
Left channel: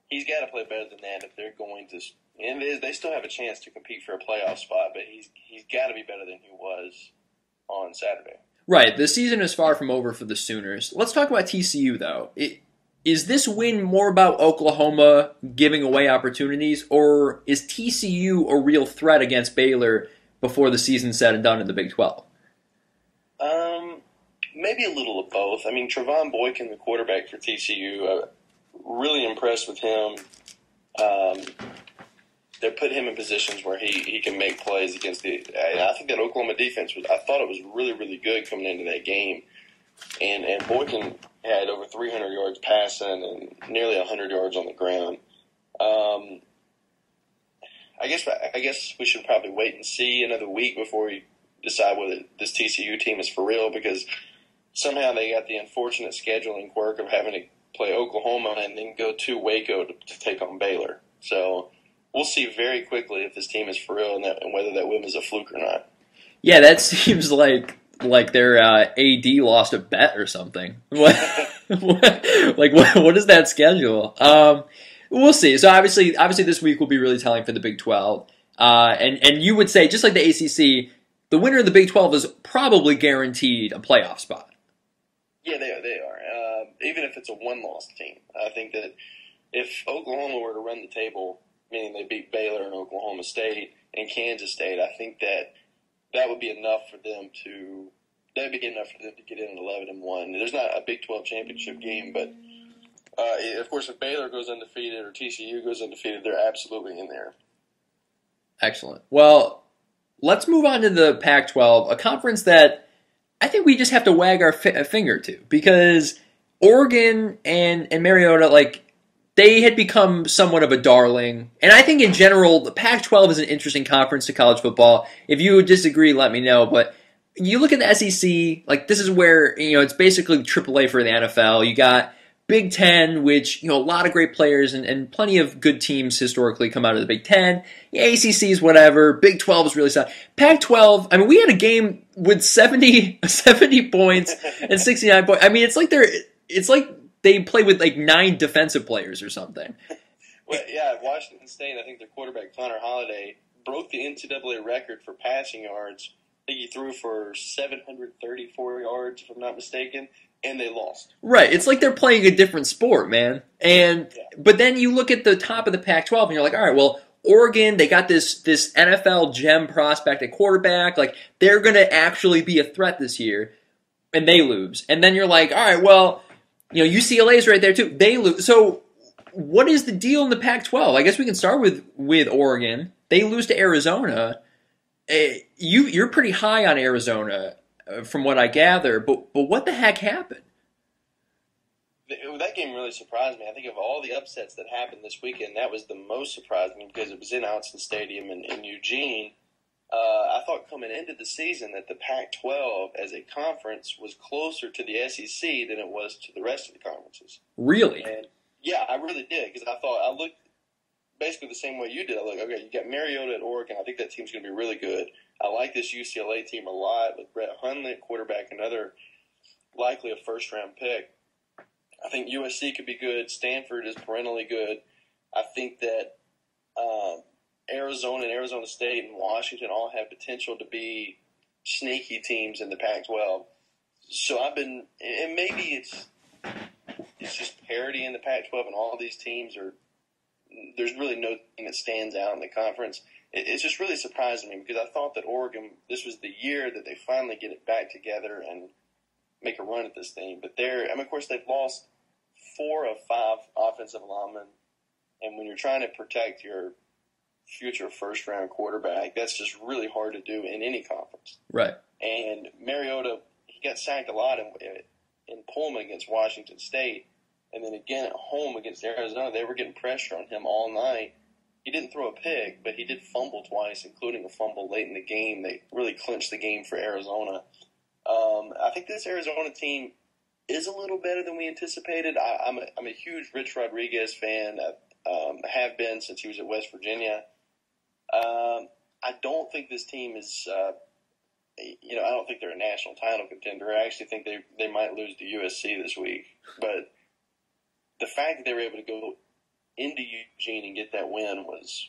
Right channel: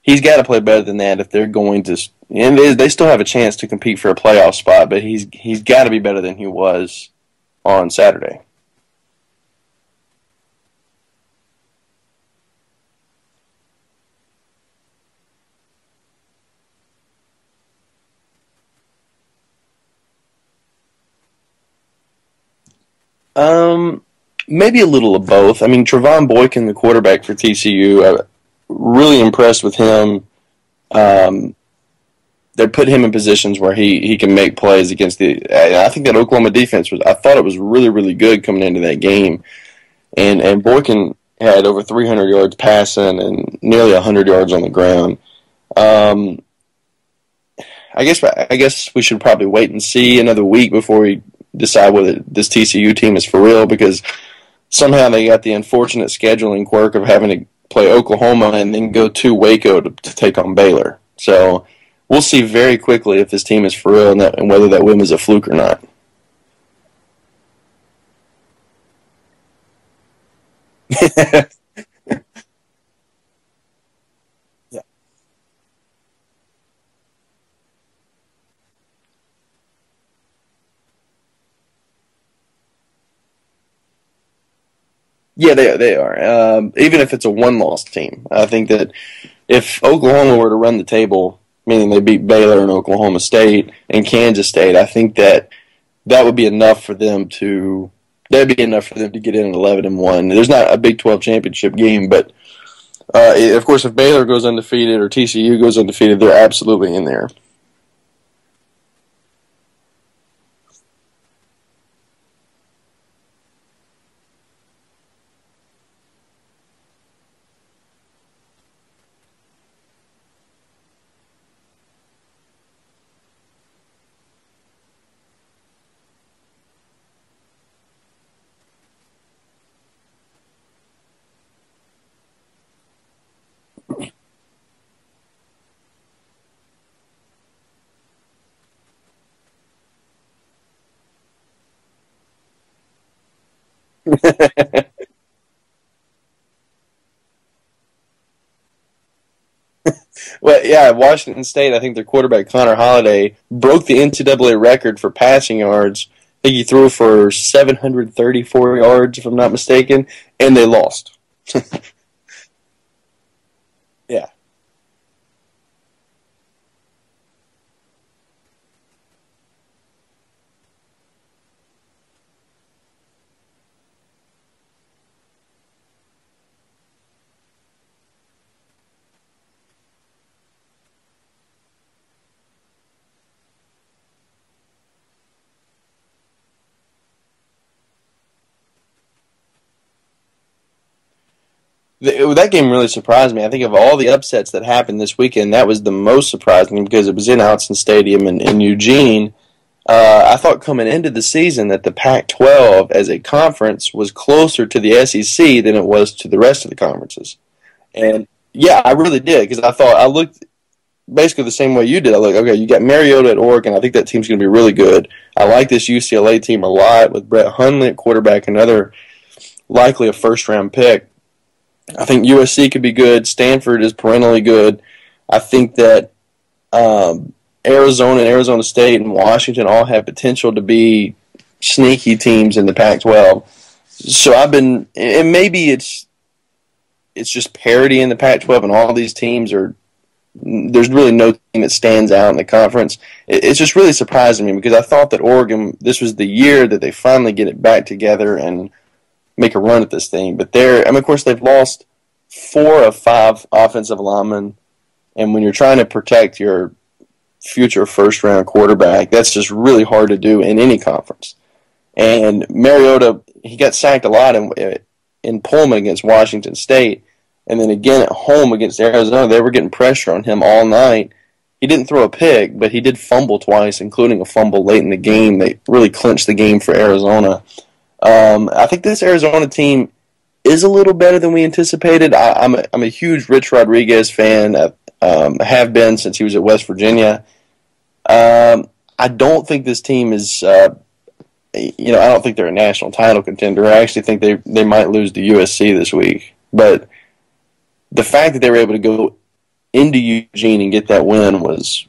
he's got to play better than that if they're going to. And they still have a chance to compete for a playoff spot, but he's got to be better than he was on Saturday. Right. The season is far from over for the Sooners. Let's talk about TCU, though. Is this win more about Oklahoma giving away opportunities, or is TCU a real threat against Baylor before the season's said and done in the Big 12? Maybe a little of both. I mean, Trevon Boykin, the quarterback for TCU, I'm really impressed with him. They put him in positions where he can make plays against I think that Oklahoma defense I thought it was really, really good coming into that game. And Boykin had over 300 yards passing and nearly 100 yards on the ground. I guess we should probably wait and see another week before we decide whether this TCU team is for real, because somehow they got the unfortunate scheduling quirk of having to play Oklahoma and then go to Waco to take on Baylor. So we'll see very quickly if this team is for real and whether that win was a fluke or not. Yeah, that seems like their AD lost a bet or something. What is that schedule? We'll see. So obviously this week will be really telling for the Big 12. And you would say, just like the ACC, the winner of the Big 12 is probably guaranteed a playoff spot. Yeah, they are. Even if it's a one-loss team. I think that if Oklahoma were to run the table, meaning they beat Baylor and Oklahoma State and Kansas State, I think that would be enough for them to get in at 11-1. There's not a Big 12 championship game, but of course, if Baylor goes undefeated or TCU goes undefeated, they're absolutely in there. Excellent. Well, let's move on to the Pac-12, a conference that I think we just have to wag our finger to, because Oregon and Mariota, they had become somewhat of a darling. And I think in general, the Pac-12 is an interesting conference to college football. If you disagree, let me know. But you look at the SEC, this is where, it's basically AAA for the NFL. You got Big Ten, which, a lot of great players and plenty of good teams historically come out of the Big Ten. The ACC is whatever. Big 12 is really solid. Pac-12, I mean, we had a game with 70 points and 69 points. I mean, it's like they play with 9 defensive players or something. Well, yeah, Washington State, I think their quarterback Connor Holiday broke the NCAA record for passing yards. I think he threw for 734 yards, if I'm not mistaken, and they lost. Right. It's like they're playing a different sport, man. But then you look at the top of the Pac-12 and you're like, all right, well, Oregon, they got this NFL gem prospect at quarterback. They're going to actually be a threat this year, and they lose. And then you're like, all right, well, UCLA's right there too. They lose. So what is the deal in the Pac-12? I guess we can start with Oregon. They lose to Arizona. You're pretty high on Arizona, from what I gather. But what the heck happened? That game really surprised me. I think of all the upsets that happened this weekend, that was the most surprising because it was in Autzen Stadium in Eugene. I thought coming into the season that the Pac-12 as a conference was closer to the SEC than it was to the rest of the conferences. Really? And yeah, I really did because I looked basically the same way you did. I looked, okay, you got Mariota at Oregon. I think that team's going to be really good. I like this UCLA team a lot with Brett Hundley at quarterback, another likely a first-round pick. I think USC could be good. Stanford is perennially good. I think that Arizona and Arizona State and Washington all have potential to be sneaky teams in the Pac-12. So and maybe it's just parity in the Pac-12, and all these teams there's really no team that stands out in the conference. It's just really surprising me because I thought that Oregon, this was the year that they finally get it back together and make a run at this thing. But of course, they've lost 4 of 5 offensive linemen, and when you're trying to protect your future first-round quarterback, that's just really hard to do in any conference. Right. And Mariota, he got sacked a lot in Pullman against Washington State, and then again at home against Arizona. They were getting pressure on him all night. He didn't throw a pick, but he did fumble twice, including a fumble late in the game. They really clinched the game for Arizona. I think this Arizona team is a little better than we anticipated. I'm a huge Rich Rodriguez fan. I have been since he was at West Virginia. I don't think this team is, I don't think they're a national title contender. I actually think they might lose to USC this week. But the fact that they were able to go into Eugene and get that win was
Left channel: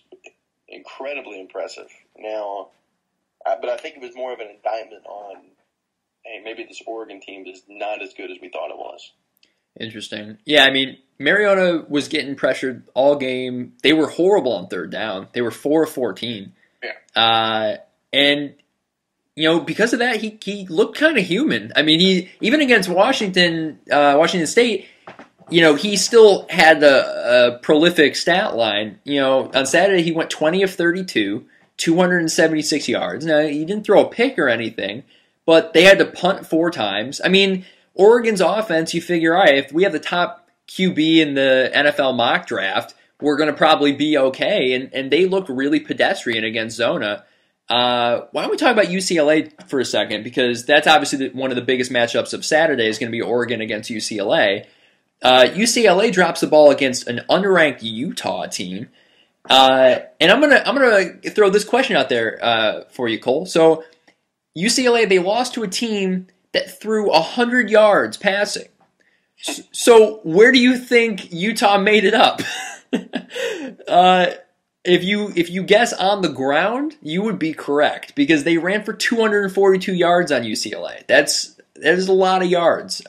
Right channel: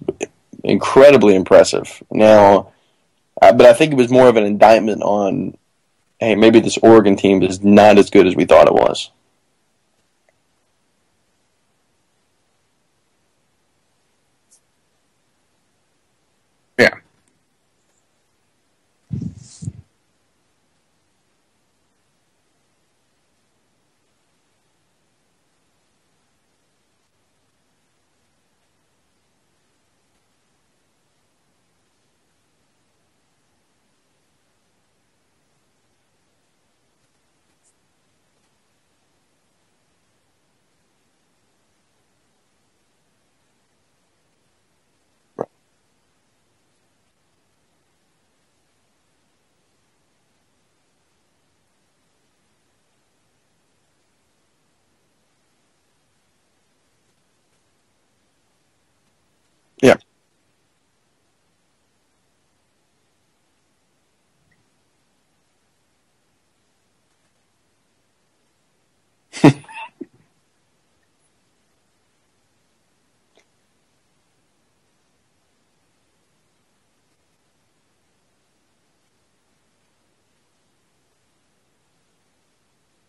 incredibly impressive. Now, but I think it was more of an indictment on, hey, maybe this Oregon team is not as good as we thought it was. Interesting. Yeah, I mean, Mariota was getting pressured all game. They were horrible on third down. They were 4 of 14. Yeah. And because of that, he looked kind of human. I mean, he even against Washington State, he still had a prolific stat line. On Saturday he went 20 of 32, 276 yards. Now, he didn't throw a pick or anything, but they had to punt 4 times. I mean, Oregon's offense, you figure, all right, if we have the top QB in the NFL mock draft, we're going to probably be okay. And they looked really pedestrian against Zona. Why don't we talk about UCLA for a second? Because that's obviously one of the biggest matchups of Saturday is going to be Oregon against UCLA. UCLA drops the ball against an unranked Utah team. And I'm gonna throw this question out there for you, Cole. So UCLA, they lost to a team that threw 100 yards passing. So where do you think Utah made it up? If you guess on the ground, you would be correct because they ran for 242 yards on UCLA. That is a lot of yards.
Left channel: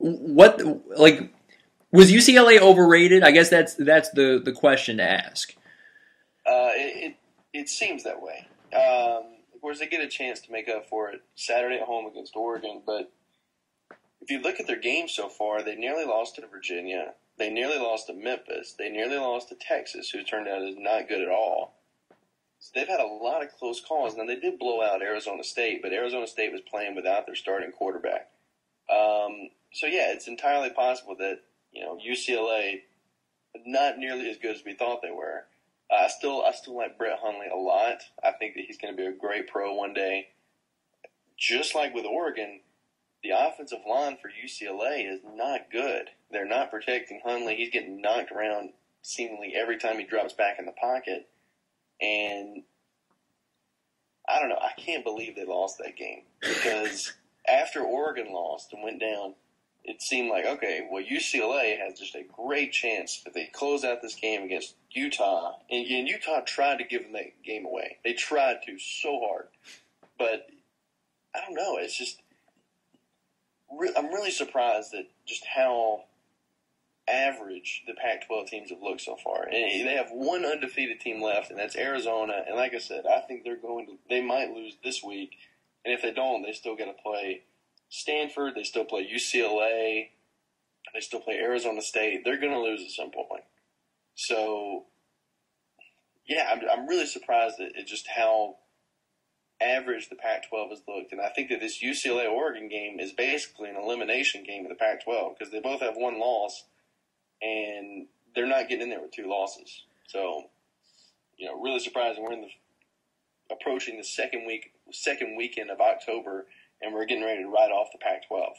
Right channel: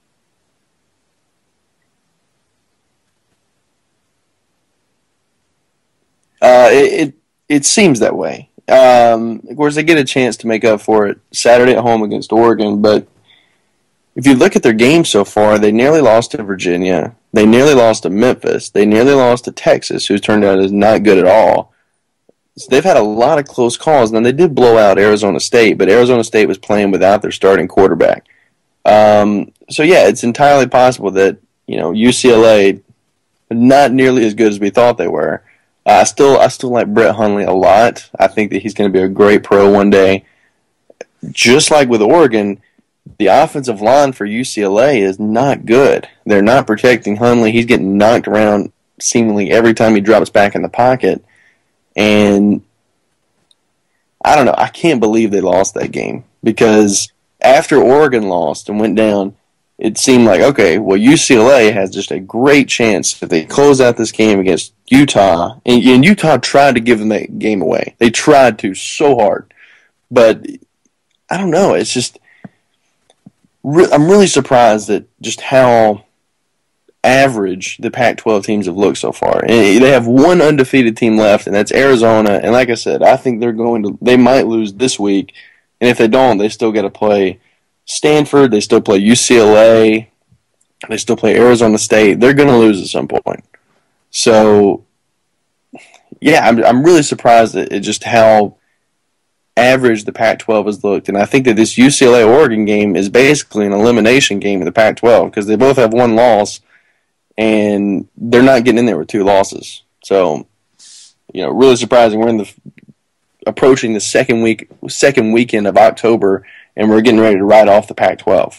Was UCLA overrated? I guess that's the question to ask. It seems that way. Of course, they get a chance to make up for it Saturday at home against Oregon, but if you look at their games so far, they nearly lost to Virginia. They nearly lost to Memphis. They nearly lost to Texas, who's turned out as not good at all. So they've had a lot of close calls. Now, they did blow out Arizona State, but Arizona State was playing without their starting quarterback. So, yeah, it's entirely possible that, UCLA not nearly as good as we thought they were. I still like Brett Hundley a lot. I think that he's going to be a great pro one day. Just like with Oregon, the offensive line for UCLA is not good. They're not protecting Hundley. He's getting knocked around seemingly every time he drops back in the pocket. And I don't know. I can't believe they lost that game because after Oregon lost and went down, it seemed like, okay, well, UCLA has just a great chance if they close out this game against Utah. And Utah tried to give them that game away. They tried to so hard. But I don't know. It's just I'm really surprised at just how average the Pac-12 teams have looked so far. And they have one undefeated team left, and that's Arizona. And like I said, I think they might lose this week. And if they don't, they still got to play Stanford. They still play UCLA. They still play Arizona State. They're going to lose at some point. So, yeah, I'm really surprised at just how average the Pac-12 has looked. And I think that this UCLA-Oregon game is basically an elimination game in the Pac-12 because they both have one loss, and they're not getting in there with 2 losses. So, really surprising. We're in approaching the second weekend of October, and we're getting ready to ride off the Pac-12.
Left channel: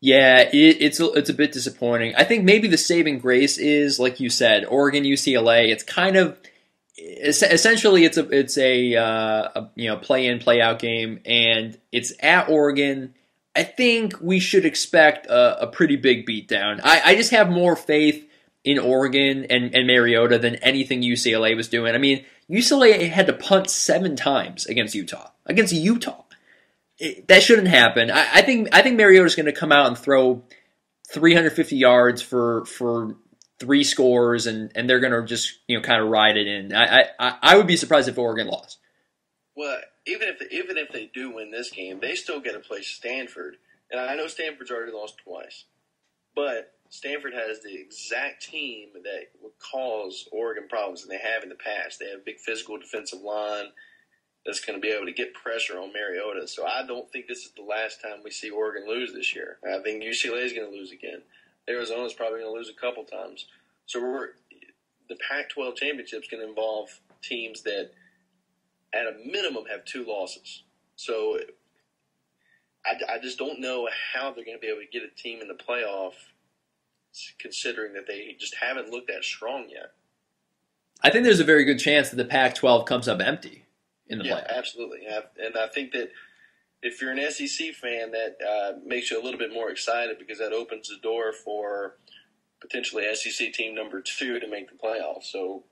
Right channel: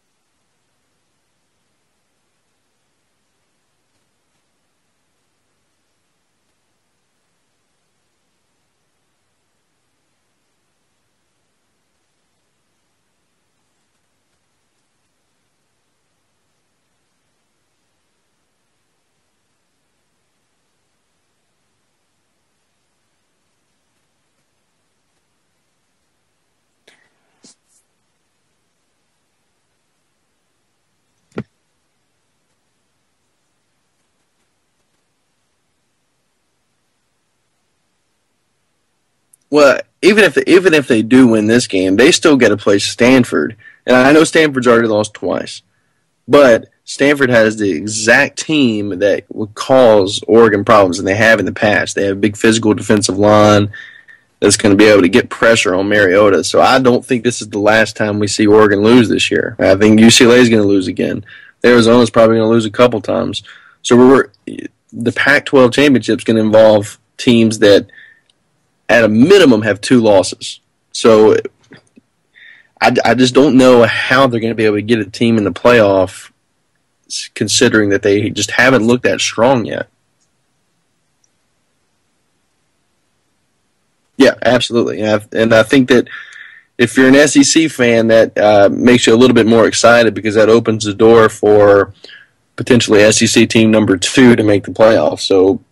Yeah, it's a bit disappointing. I think maybe the saving grace is, like you said, Oregon, UCLA. It's kind of essentially it's a play in play out game, and it's at Oregon. I think we should expect a pretty big beatdown. I just have more faith in Oregon and Mariota than anything UCLA was doing. I mean, UCLA had to punt 7 times against Utah. That shouldn't happen. I think Mariota's going to come out and throw 350 yards for 3 scores, and they're going to just kind of ride it in. I would be surprised if Oregon lost. Well, even if they do win this game, they still got to play Stanford, and I know Stanford's already lost twice, but Stanford has the exact team that would cause Oregon problems, and they have in the past. They have a big physical defensive line that's going to be able to get pressure on Mariota. So I don't think this is the last time we see Oregon lose this year. I think UCLA is going to lose again. Arizona's probably going to lose a couple times. So the Pac-12 championship is going to involve teams that, at a minimum, have 2 losses. So I just don't know how they're going to be able to get a team in the playoff, considering that they just haven't looked that strong yet. I think there's a very good chance that the Pac-12 comes up empty. Yeah, absolutely. And I think that if you're an SEC fan, that makes you a little bit more excited because that opens the door for potentially SEC team number 2 to make the playoffs. So,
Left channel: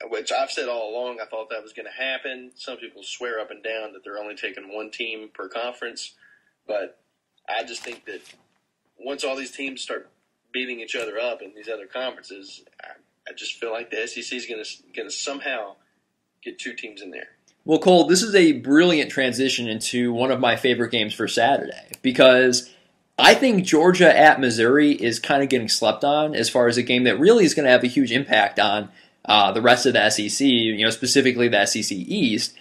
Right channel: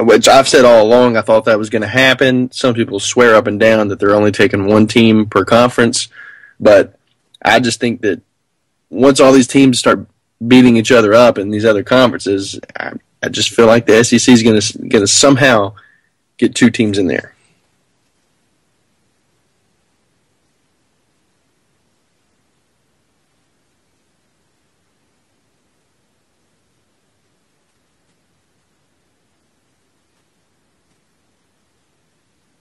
which I've said all along, I thought that was going to happen. Some people swear up and down that they're only taking 1 team per conference, but I just think that once all these teams start beating each other up in these other conferences, I just feel like the SEC is going to somehow get 2 teams in there. Well, Cole, this is a brilliant transition into one of my favorite games for Saturday because I think Georgia at Missouri is kind of getting slept on as far as a game that really is going to have a huge impact on the rest of the SEC, specifically the SEC East.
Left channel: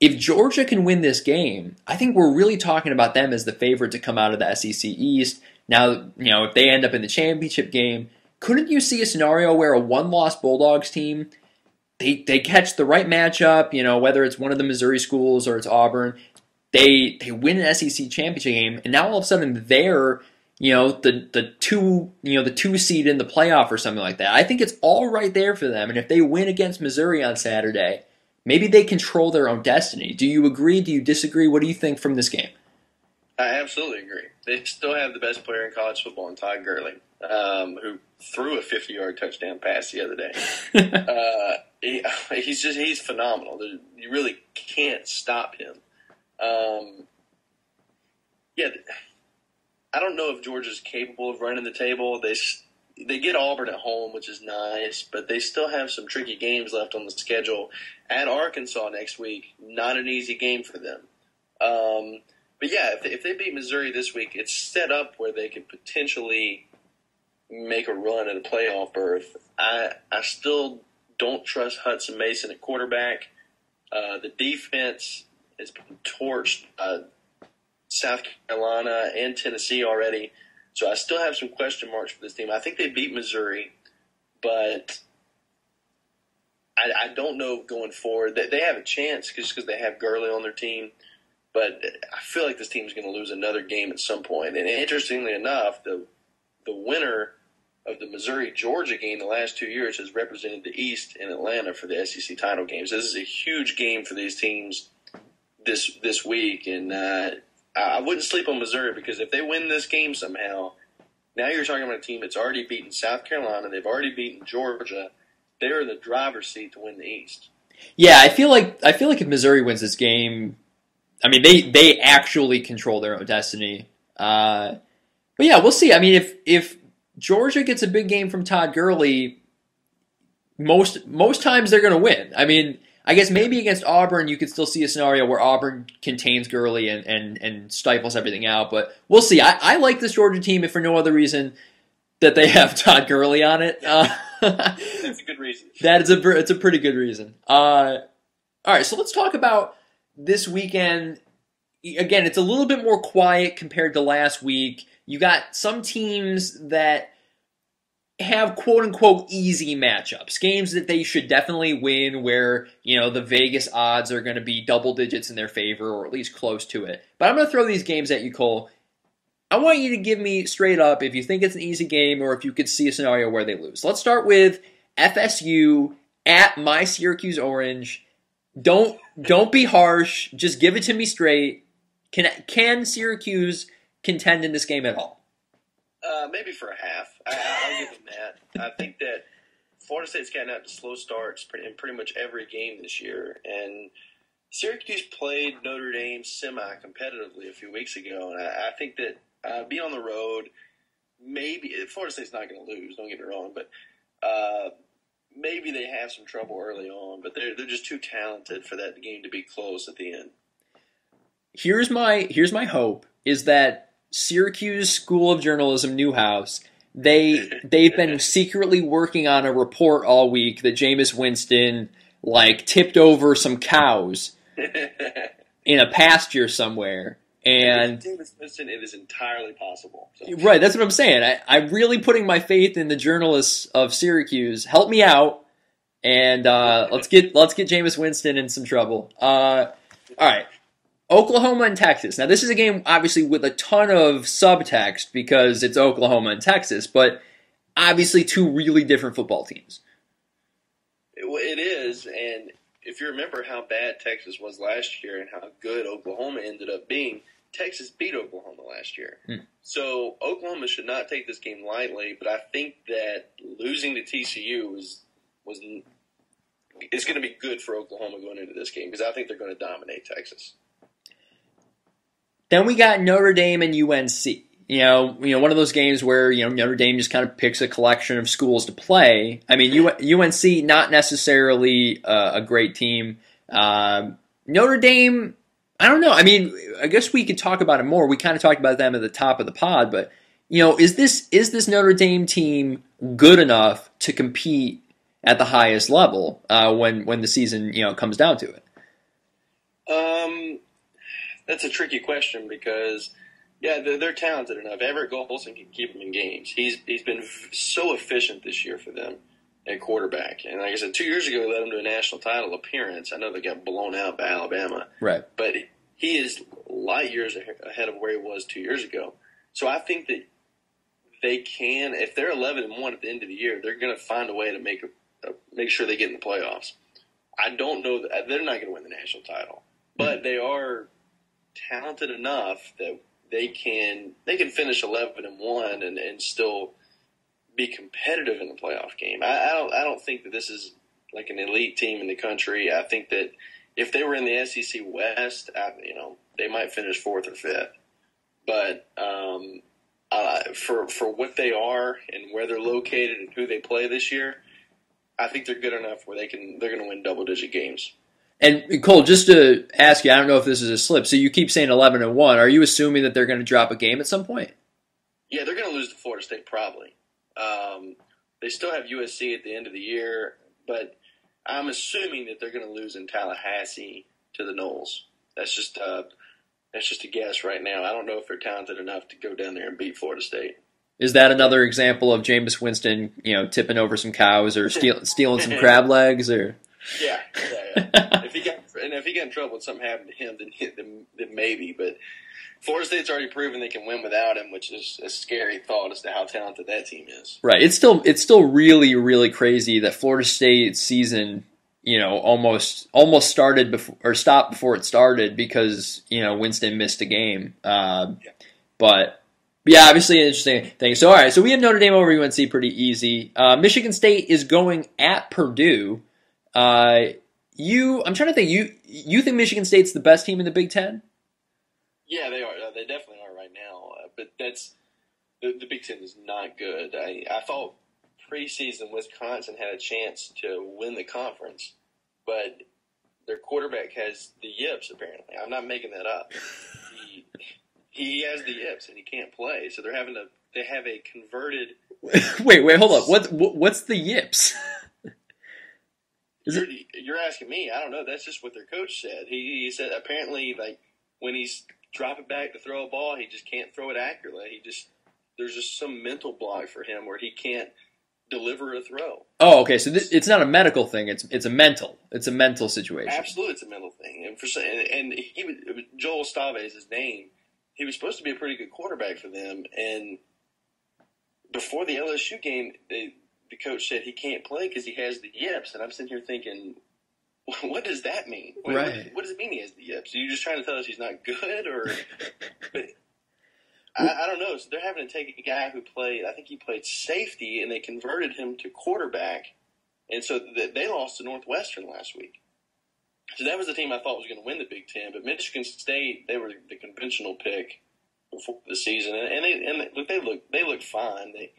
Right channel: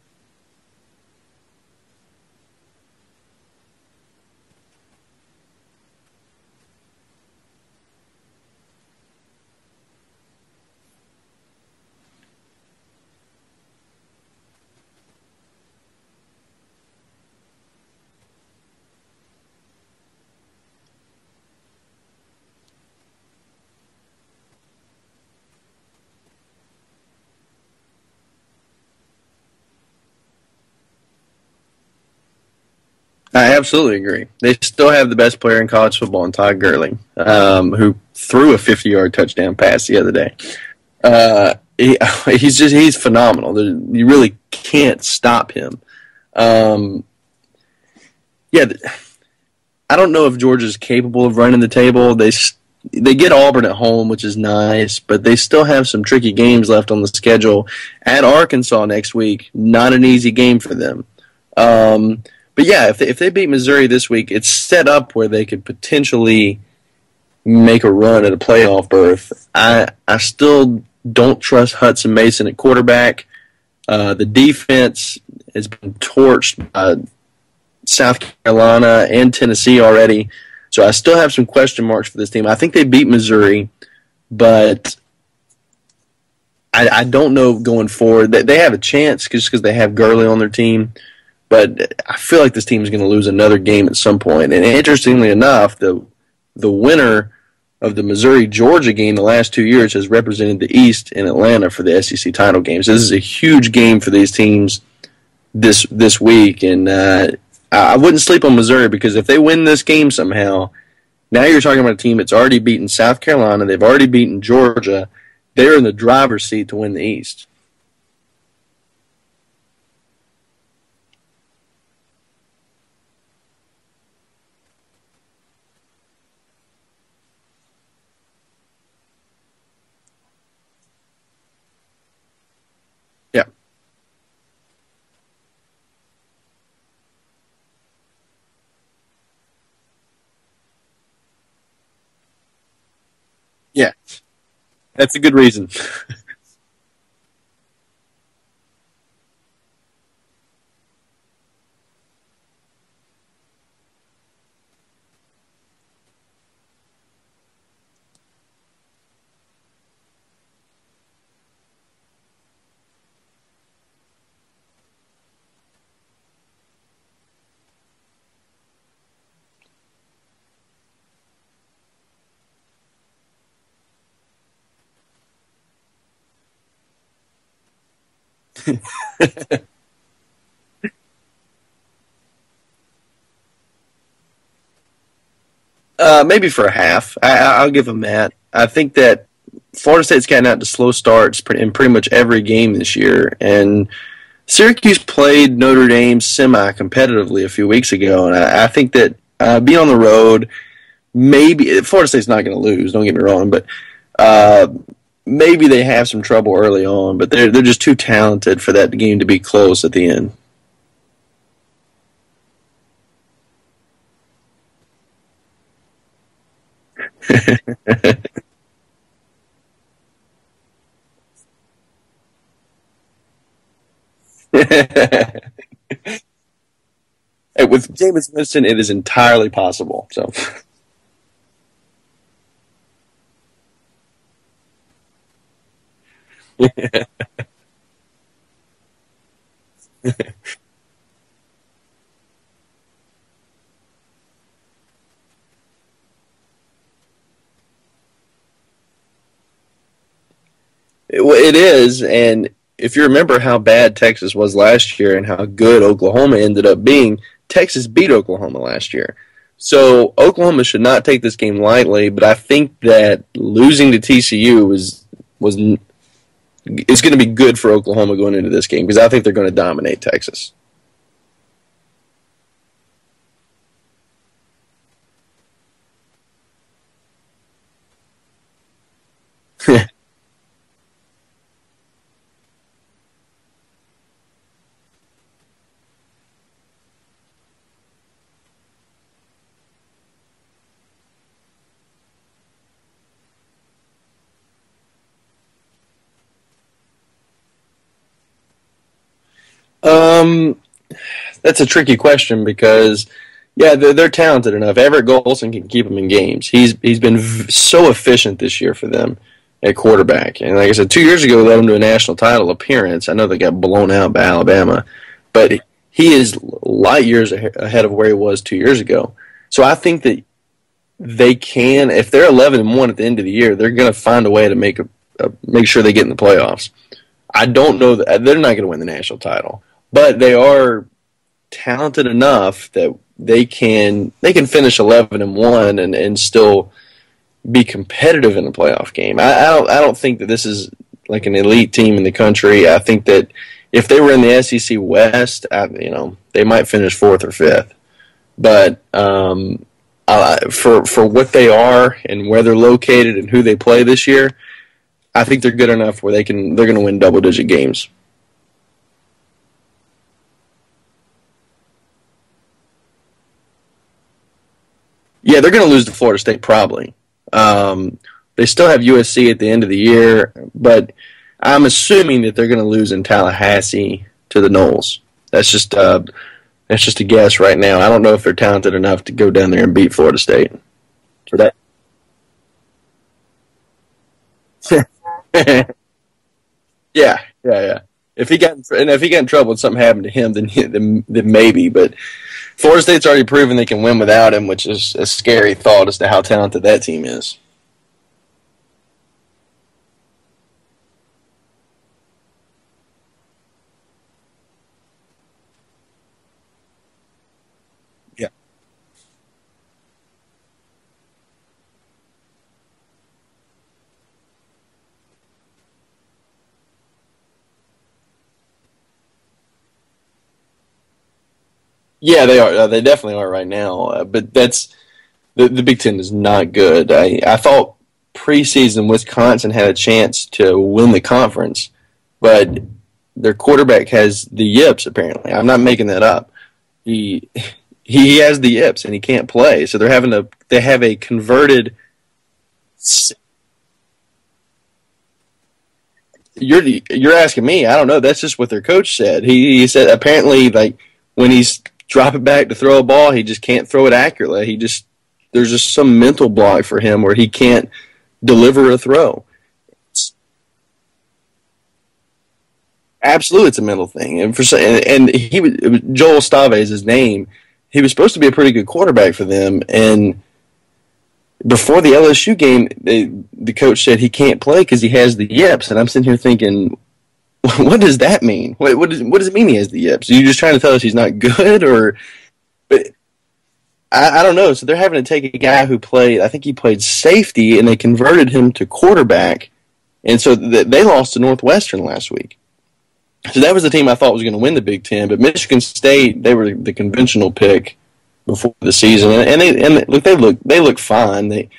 If Georgia can win this game, I think we're really talking about them as the favorite to come out of the SEC East. Now, if they end up in the championship game, couldn't you see a scenario where a 1-loss Bulldogs team, they catch the right matchup, whether it's one of the Missouri schools or it's Auburn, they win an SEC championship game, and now all of a sudden they're the 2 seed in the playoff or something like that. I think it's all right there for them, and if they win against Missouri on Saturday, maybe they control their own destiny. Do you agree? Do you disagree? What do you think from this game? I absolutely agree. They still have the best player in college football, in Todd Gurley, who threw a 50-yard touchdown pass the other day. He's phenomenal. You really can't stop him. I don't know if Georgia's capable of running the table. They get Auburn at home, which is nice, but they still have some tricky games left on the schedule. At Arkansas next week, not an easy game for them. But yeah, if they beat Missouri this week, it's set up where they could potentially make a run at a playoff berth. I still don't trust Hudson Mason at quarterback. The defense has been torched by South Carolina and Tennessee already. So I still have some question marks for this team. I think they beat Missouri, but I don't know going forward. They have a chance just because they have Gurley on their team. But I feel like this team is going to lose another game at some point. And interestingly enough, the winner of the Missouri-Georgia game the last 2 years has represented the East in Atlanta for the SEC title game. So this is a huge game for these teams this week. And I wouldn't sleep on Missouri because if they win this game somehow, now you're talking about a team that's already beaten South Carolina. They've already beaten Georgia. They're in the driver's seat to win the East. Yeah, I feel like if Missouri wins this game, I mean, they actually control their own destiny. But yeah, we'll see. I mean, if Georgia gets a big game from Todd Gurley, most times they're going to win. I mean, I guess maybe against Auburn you could still see a scenario where Auburn contains Gurley and stifles everything out. But we'll see. I like this Georgia team if for no other reason that they have Todd Gurley on it. Yeah, that's a good reason. It's a pretty good reason. All right, so let's talk about this weekend. Again, it's a little bit more quiet compared to last week. You got some teams that have quote-unquote easy matchups, games that they should definitely win where, the Vegas odds are going to be double digits in their favor or at least close to it. But I'm going to throw these games at you, Cole. I want you to give me straight up if you think it's an easy game or if you could see a scenario where they lose. Let's start with FSU at my Syracuse Orange. Don't be harsh. Just give it to me straight. Can Syracuse contend in this game at all? Maybe for a half. I'll give them that. I think that Florida State's gotten out to slow starts in pretty much every game this year, and Syracuse played Notre Dame semi-competitively a few weeks ago, and I think that being on the road, maybe Florida State's not going to lose. Don't get me wrong, but maybe they have some trouble early on, but they're just too talented for that game to be close at the end. Here's my hope is that Syracuse School of Journalism Newhouse, they've been secretly working on a report all week that Jameis Winston tipped over some cows in a pasture somewhere. And with Jameis Winston, it is entirely possible. So right, that's what I'm saying. I'm really putting my faith in the journalists of Syracuse. Help me out, and let's get Jameis Winston in some trouble. All right. Oklahoma and Texas. Now, this is a game, obviously, with a ton of subtext because it's Oklahoma and Texas, but obviously two really different football teams. It is, and if you remember how bad Texas was last year and how good Oklahoma ended up being, Texas beat Oklahoma last year. So Oklahoma should not take this game lightly, but I think that losing to TCU is going to be good for Oklahoma going into this game because I think they're going to dominate Texas. Then we got Notre Dame and UNC. One of those games where Notre Dame just kind of picks a collection of schools to play. I mean, UNC not necessarily a great team. Notre Dame, I don't know. I mean, I guess we could talk about it more. We kind of talked about them at the top of the pod, but is this Notre Dame team good enough to compete at the highest level when the season comes down to it? That's a tricky question because, yeah, they're talented enough. Everett Golson can keep them in games. He's been so efficient this year for them at quarterback. And like I said, 2 years ago, they led them to a national title appearance. I know they got blown out by Alabama. Right. But he is light years ahead of where he was 2 years ago. So I think that they can, if they're 11-1 at the end of the year, they're going to find a way to make sure they get in the playoffs. I don't know that they're not going to win the national title, but they are talented enough that they can finish 11-1 and still be competitive in the playoff game. I don't think that this is like an elite team in the country. I think that if they were in the SEC West, they might finish 4th or 5th. But for what they are and where they're located and who they play this year, I think they're good enough where they're going to win double-digit games. And Cole, just to ask you, I don't know if this is a slip. So you keep saying 11-1. Are you assuming that they're going to drop a game at some point? Yeah, they're going to lose to Florida State probably. They still have USC at the end of the year, but I'm assuming that they're going to lose in Tallahassee to the Noles. That's just a guess right now. I don't know if they're talented enough to go down there and beat Florida State. Is that another example of Jameis Winston, tipping over some cows or stealing some crab legs, or? Yeah. If he got in trouble and something happened to him, then maybe. But Florida State's already proven they can win without him, which is a scary thought as to how talented that team is. Right. It's still really, really crazy that Florida State's season, almost started before or stopped before it started because Winston missed a game. But yeah, obviously an interesting thing. So all right, so we have Notre Dame over UNC pretty easy. Michigan State is going at Purdue. I'm trying to think. You think Michigan State's the best team in the Big Ten? Yeah, they are. They definitely are right now. But that's the Big Ten is not good. I thought preseason Wisconsin had a chance to win the conference, but their quarterback has the yips. Apparently, I'm not making that up. He has the yips and he can't play. So they have a converted. Wait, hold up. What's the yips? You're asking me. I don't know. That's just what their coach said. He said apparently when he's dropping back to throw a ball, he just can't throw it accurately. There's just some mental block for him where he can't deliver a throw. Oh, okay. So it's not a medical thing. It's a mental situation. Absolutely, it's a mental thing. And he was Joel Stave is his name. He was supposed to be a pretty good quarterback for them, and before the LSU game, the coach said he can't play because he has the yips, and I'm sitting here thinking, what does that mean? What does it mean he has the yips? Are you just trying to tell us he's not good, or? But I don't know. So they're having to take a guy who played, I think he played safety, and they converted him to quarterback, and so they lost to Northwestern last week. So that was the team I thought was going to win the Big Ten, but Michigan State, they were the conventional pick before the season, and they look fine. They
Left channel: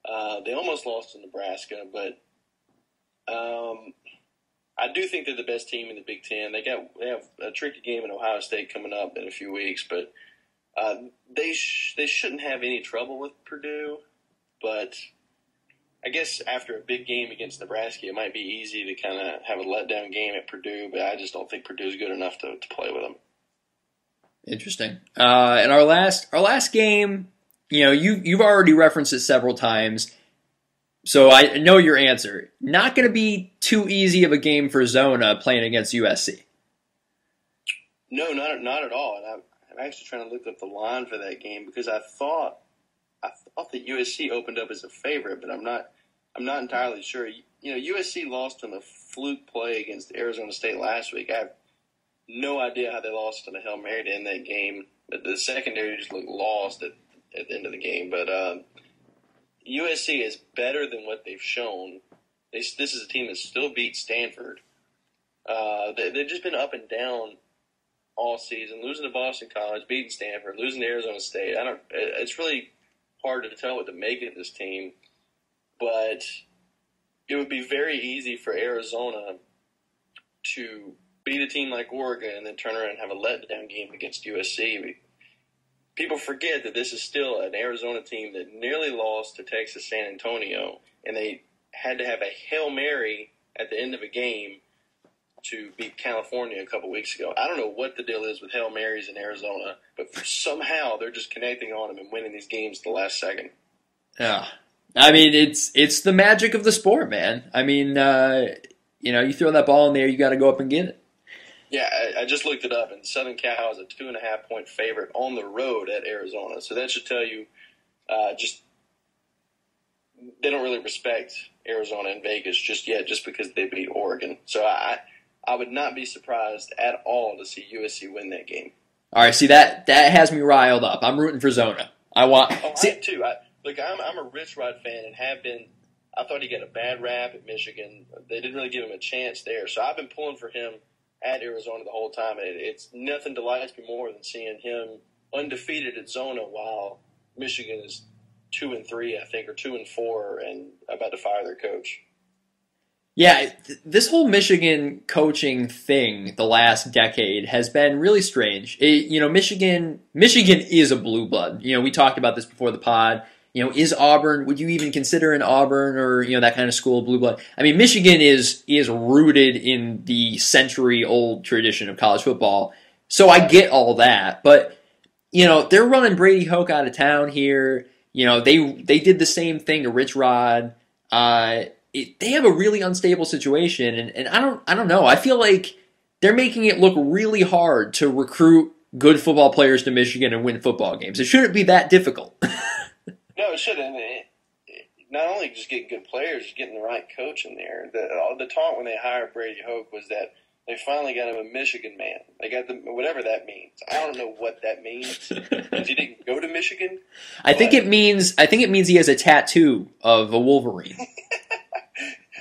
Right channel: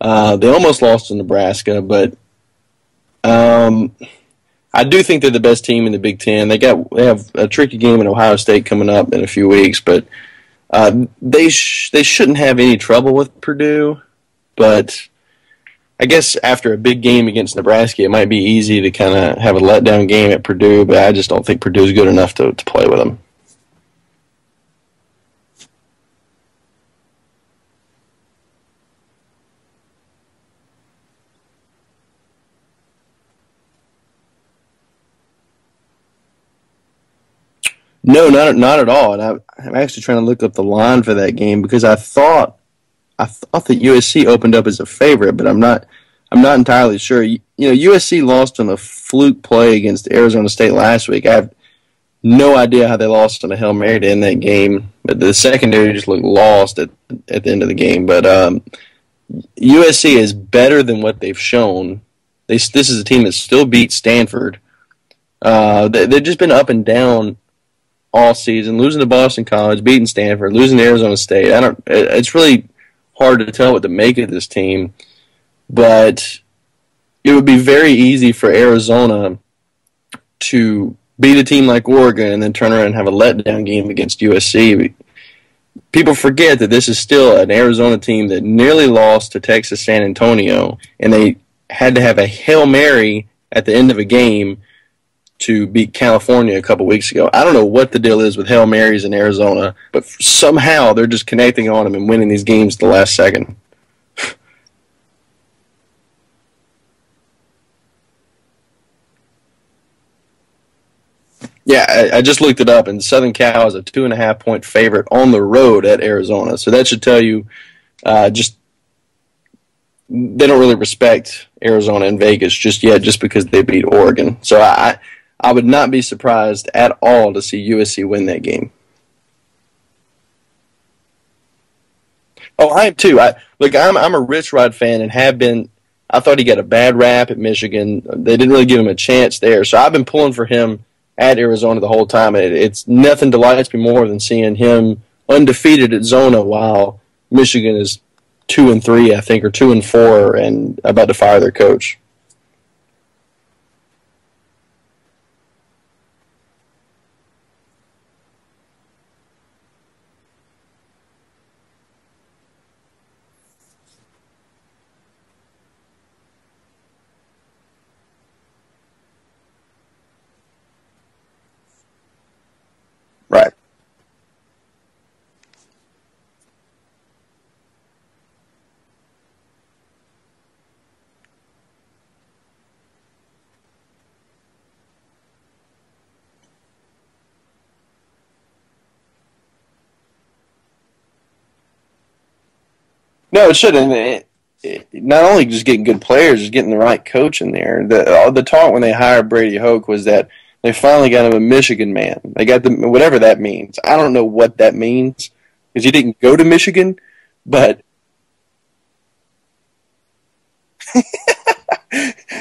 almost lost to Nebraska, but I do think they're the best team in the Big Ten. They have a tricky game in Ohio State coming up in a few weeks, but they shouldn't have any trouble with Purdue. But I guess after a big game against Nebraska, it might be easy to kind of have a letdown game at Purdue, but I just don't think Purdue's good enough to play with them. Interesting. And our last game, you've already referenced it several times, so I know your answer. Not going to be too easy of a game for Zona playing against USC. No, not at all. And I'm actually trying to look up the line for that game because I thought that USC opened up as a favorite, but I'm not entirely sure. USC lost on a fluke play against Arizona State last week. I have no idea how they lost on a Hail Mary to end that game, but the secondary just looked lost at the end of the game. But USC is better than what they've shown. This is a team that still beat Stanford. They've just been up and down all season, losing to Boston College, beating Stanford, losing to Arizona State. It's really hard to tell what to make of this team, but it would be very easy for Arizona to beat a team like Oregon and then turn around and have a letdown game against USC. People forget that this is still an Arizona team that nearly lost to Texas San Antonio, and they had to have a Hail Mary at the end of a game to beat California a couple weeks ago. I don't know what the deal is with Hail Marys in Arizona, but somehow they're just connecting on them and winning these games at the last second. Yeah. I mean, it's the magic of the sport, man. I mean, you throw that ball in there, you got to go up and get it. Yeah, I just looked it up, and Southern Cal is a 2.5-point favorite on the road at Arizona. So that should tell you just they don't really respect Arizona and Vegas just yet, just because they beat Oregon. So I would not be surprised at all to see USC win that game. All right, see that has me riled up. I'm rooting for Zona. I am too. I'm a Rich Rod fan and have been. I thought he got a bad rap at Michigan. They didn't really give him a chance there, so I've been pulling for him at Arizona the whole time. It's nothing delights me more than seeing him undefeated at Zona while Michigan is 2-3, I think, or 2-4, and about to fire their coach. Yeah, this whole Michigan coaching thing the last decade has been really strange. Michigan is a blue blood. We talked about this before the pod. Is Auburn, would you even consider an Auburn or, that kind of school blue blood? I mean, Michigan is rooted in the century-old tradition of college football. So I get all that. But, they're running Brady Hoke out of town here. They did the same thing to Rich Rod. They have a really unstable situation. And I don't know. I feel like they're making it look really hard to recruit good football players to Michigan and win football games. It shouldn't be that difficult. No, it shouldn't. Not only just getting good players, just getting the right coach in there. The talk when they hired Brady Hoke was that they finally got him a Michigan man. They got whatever that means. I don't know what that means because he didn't go to Michigan. I think it means he has a tattoo of a Wolverine.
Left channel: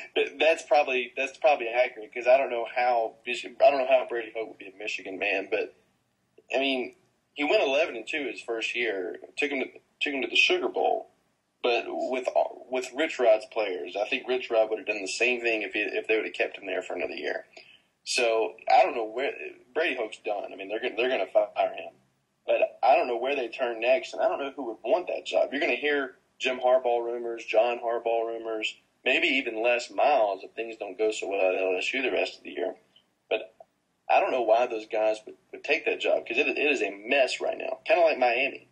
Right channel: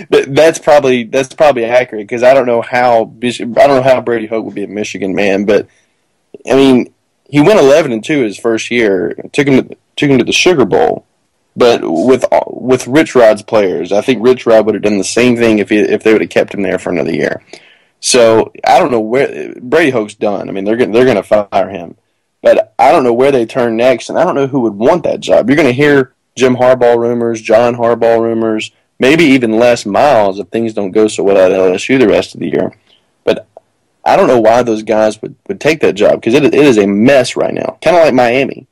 That's probably accurate because I don't know how Brady Hoke would be a Michigan man, but I mean he went 11-2 his first year. Took him to the Sugar Bowl, but with Rich Rod's players, I think Rich Rod would have done the same thing if they would have kept him there for another year. So I don't know where Brady Hoke's done. I mean they're going to fire him, but I don't know where they turn next, and I don't know who would want that job. You're going to hear Jim Harbaugh rumors, John Harbaugh rumors, maybe even Les Miles if things don't go so well at LSU the rest of the year. But I don't know why those guys would take that job because it is a mess right now, kind of like Miami.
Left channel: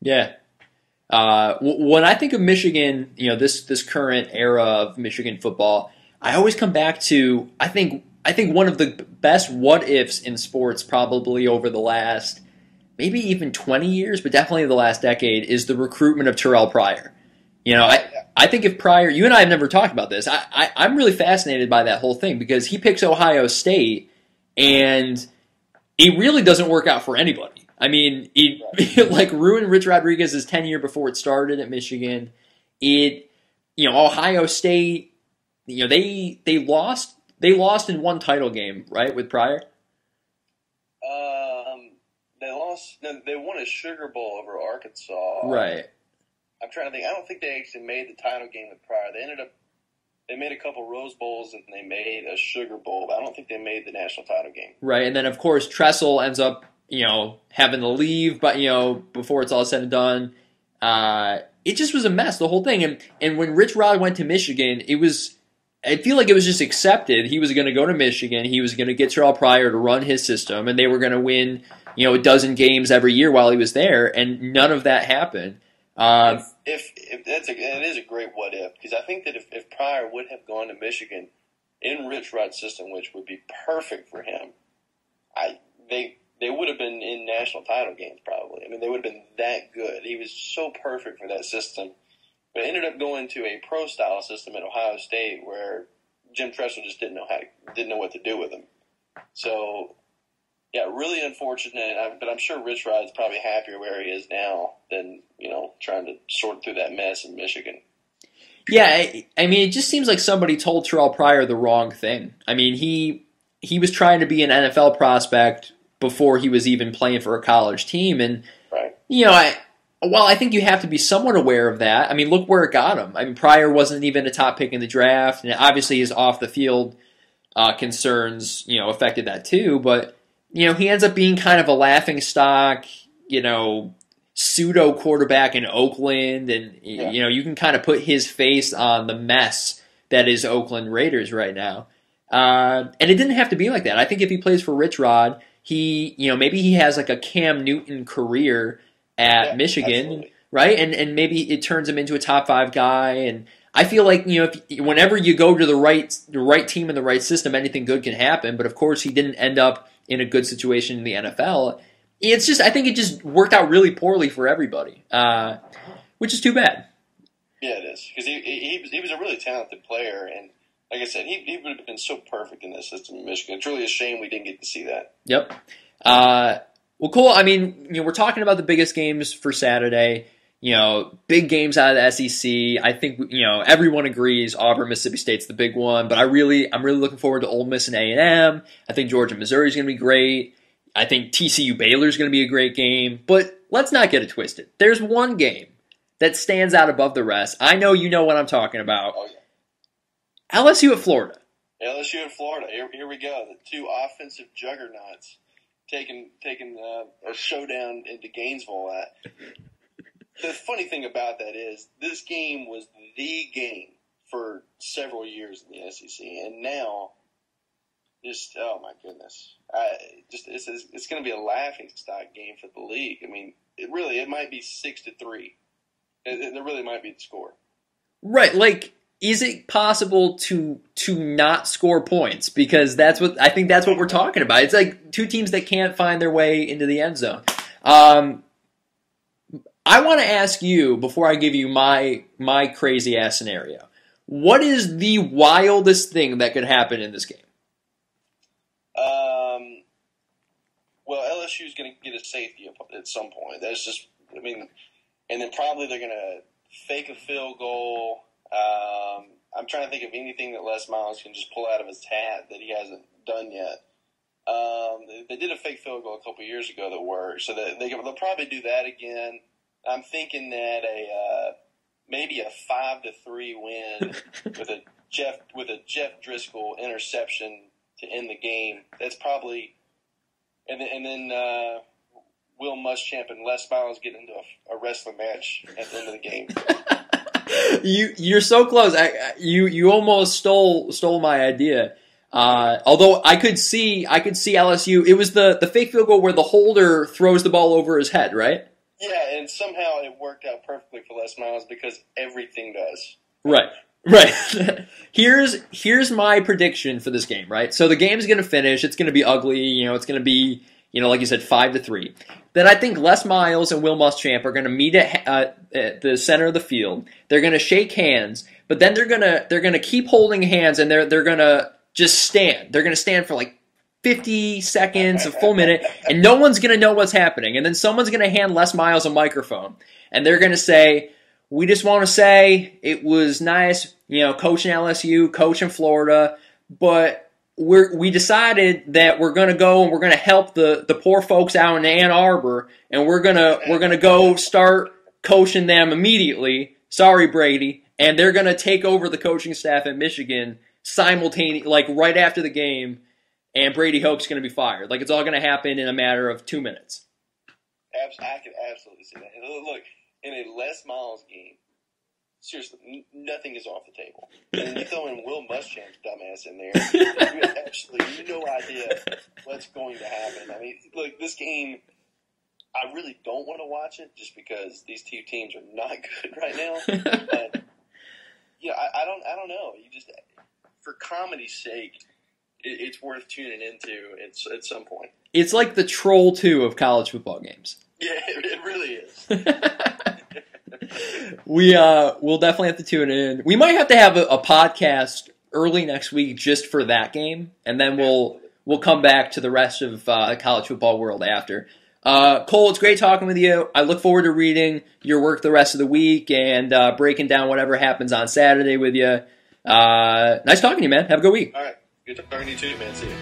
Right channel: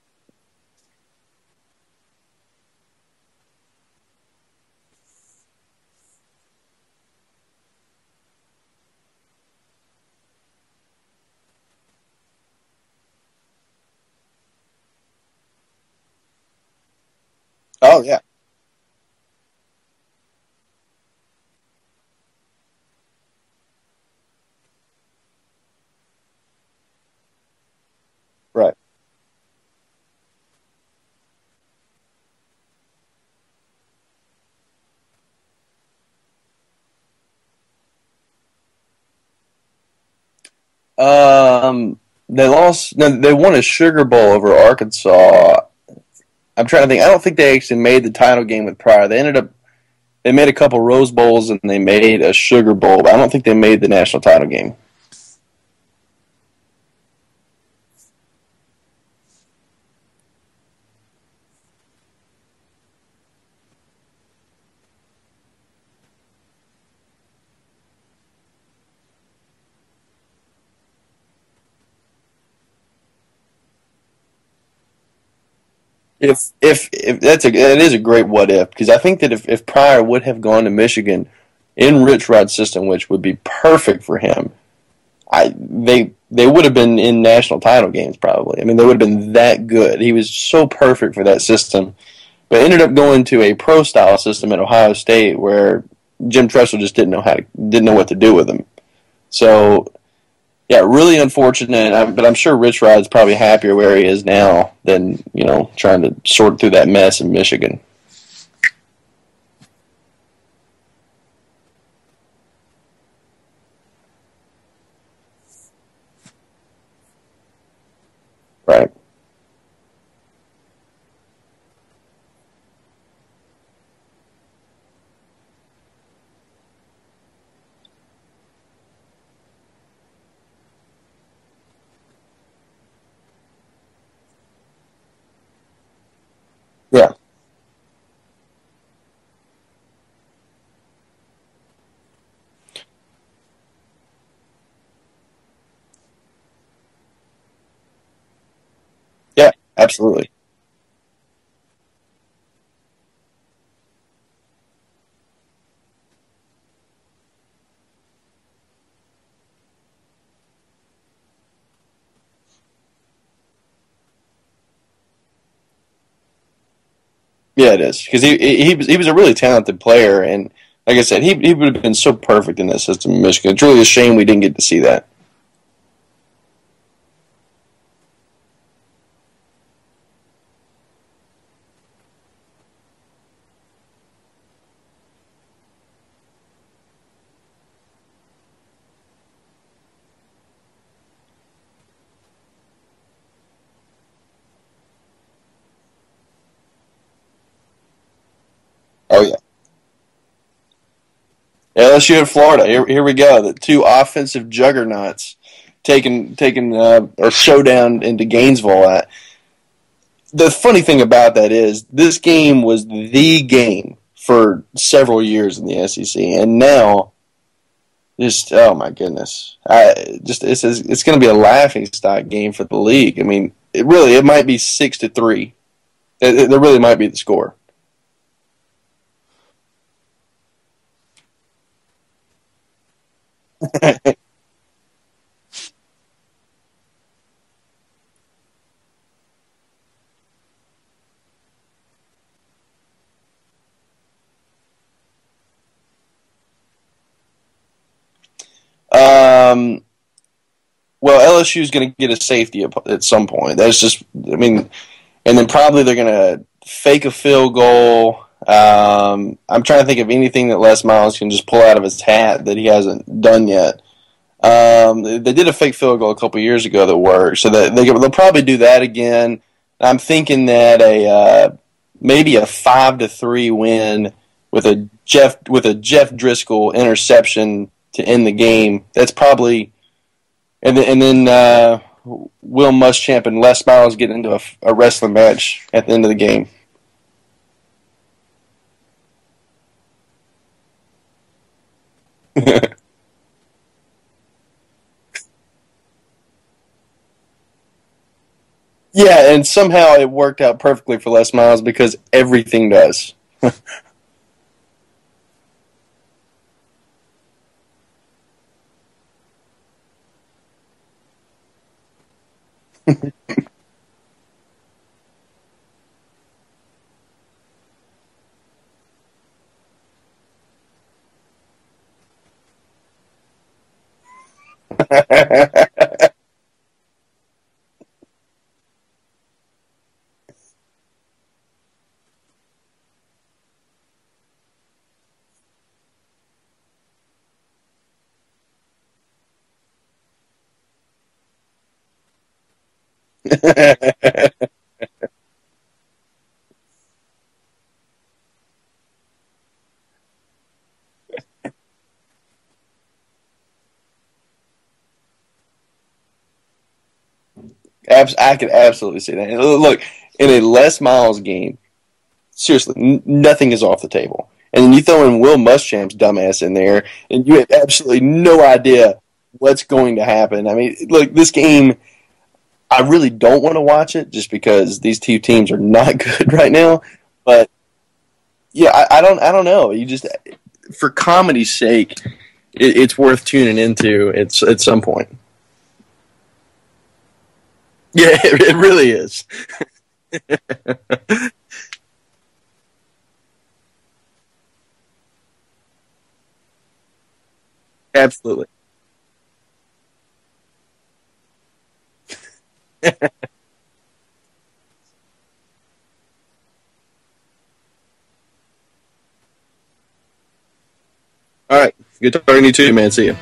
Yeah. When I think of Michigan, this current era of Michigan football, I always come back to I think one of the best what ifs in sports probably over the last maybe even 20 years, but definitely the last decade is the recruitment of Terrelle Pryor. Yeah. I think if Pryor, you and I have never talked about this. I'm really fascinated by that whole thing because he picks Ohio State, and it really doesn't work out for anybody. I mean, it like ruined Rich Rodriguez's tenure before it started at Michigan. Ohio State, they lost in one title game, right, with Pryor. They lost. No, they won a Sugar Bowl over Arkansas. Right. I'm trying to think. I don't think they actually made the title game with Pryor. They made a couple Rose Bowls and they made a Sugar Bowl, but I don't think they made the national title game. Right, and then of course Tressel ends up, having to leave, but before it's all said and done, it just was a mess, the whole thing. And when Rich Rod went to Michigan, I feel like it was just accepted. He was going to go to Michigan. He was going to get Terrelle Pryor to run his system, and they were going to win, a dozen games every year while he was there, and none of that happened. If it is a great what if, because I think that if Pryor would have gone to Michigan in Rich Rod's system, which would be perfect for him, they would have been in national title games probably. I mean, they would have been that good. He was so perfect for that system, but ended up going to a pro style system at Ohio State where Jim Tressel just didn't know what to do with him. So. Yeah, really unfortunate, but I'm sure Rich Rod's probably happier where he is now than, trying to sort through that mess in Michigan. Yeah, I mean, it just seems like somebody told Terrelle Pryor the wrong thing. I mean, he was trying to be an NFL prospect before he was even playing for a college team, and right. I think you have to be somewhat aware of that. I mean, look where it got him. I mean, Pryor wasn't even a top pick in the draft, and obviously his off the field concerns, affected that too, but he ends up being kind of a laughing stock, pseudo quarterback in Oakland, and you can kind of put his face on the mess that is Oakland Raiders right now. And it didn't have to be like that. I think if he plays for Rich Rod, maybe he has like a Cam Newton career at Michigan, absolutely. Right? And maybe it turns him into a top 5 guy. And I feel like whenever you go to the right team and the right system, anything good can happen. But of course, he didn't end up in a good situation in the NFL. I think it just worked out really poorly for everybody, which is too bad. Yeah, it is, because he was a really talented player, and like I said, he would have been so perfect in that system in Michigan. It's really a shame we didn't get to see that. Yep. Well, cool. I mean, we're talking about the biggest games for Saturday. Big games out of the SEC. I think everyone agrees Auburn, Mississippi State's the big one, but I'm really looking forward to Ole Miss and A&M. I think Georgia, Missouri is going to be great. I think TCU, Baylor is going to be a great game. But let's not get it twisted. There's one game that stands out above the rest. I know you know what I'm talking about. Oh yeah, LSU at Florida. LSU at Florida. Here we go. The two offensive juggernauts taking a showdown into Gainesville. The funny thing about that is this game was the game for several years in the SEC, and now, oh my goodness, it's going to be a laughingstock game for the league. I mean, it might be 6-3. There really might be the score. Right, like, is it possible to not score points? Because that's what we're talking about. It's like two teams that can't find their way into the end zone. I want to ask you, before I give you my crazy ass scenario, what is the wildest thing that could happen in this game? Well, LSU is going to get a safety at some point. That's just, I mean, and then probably they're going to fake a field goal. I'm trying to think of anything that Les Miles can just pull out of his hat that he hasn't done yet. They did a fake field goal a couple years ago that worked, so that they'll probably do that again. I'm thinking that maybe a 5-3 win with a Jeff Driscoll interception to end the game. That's probably, and then Will Muschamp and Les Miles get into a wrestling match at the end of the game. You're so close. You almost stole my idea. Although I could see LSU. It was the fake field goal where the holder throws the ball over his head, right? Yeah, and somehow it worked out perfectly for Les Miles because everything does. Right, right. Here's my prediction for this game, right? So the game's going to finish. It's going to be ugly. It's going to be, like you said, 5-3. Then I think Les Miles and Will Muschamp are going to meet at the center of the field. They're going to shake hands, but then they're gonna keep holding hands, and they're going to just stand. They're going to stand for like 50 seconds, a full minute, and no one's going to know what's happening. And then someone's going to hand Les Miles a microphone, and they're going to say, "We just want to say it was nice, coaching LSU, coaching Florida, but we decided that we're going to go and we're going to help the poor folks out in Ann Arbor, and we're gonna go start coaching them immediately. Sorry, Brady." And they're going to take over the coaching staff at Michigan simultaneously, like right after the game, and Brady Hoke's going to be fired. Like, it's all going to happen in a matter of 2 minutes. I could absolutely see that. Look, in a Les Miles game, seriously, nothing is off the table. And then you throw in Will Muschamp's dumbass in there, and you have absolutely no idea what's going to happen. I mean, look, this game, I really don't want to watch it just because these two teams are not good right now. But yeah, I don't know. You just, for comedy's sake, it's worth tuning into at some point. It's like the Troll 2 of college football games. Yeah, it really is. We'll definitely have to tune in. We might have to have a podcast early next week just for that game, and then we'll come back to the rest of the college football world after. Cole, it's great talking with you. I look forward to reading your work the rest of the week and breaking down whatever happens on Saturday with you. Nice talking to you, man. Have a good week. All right. Good talking to you too, man. See you.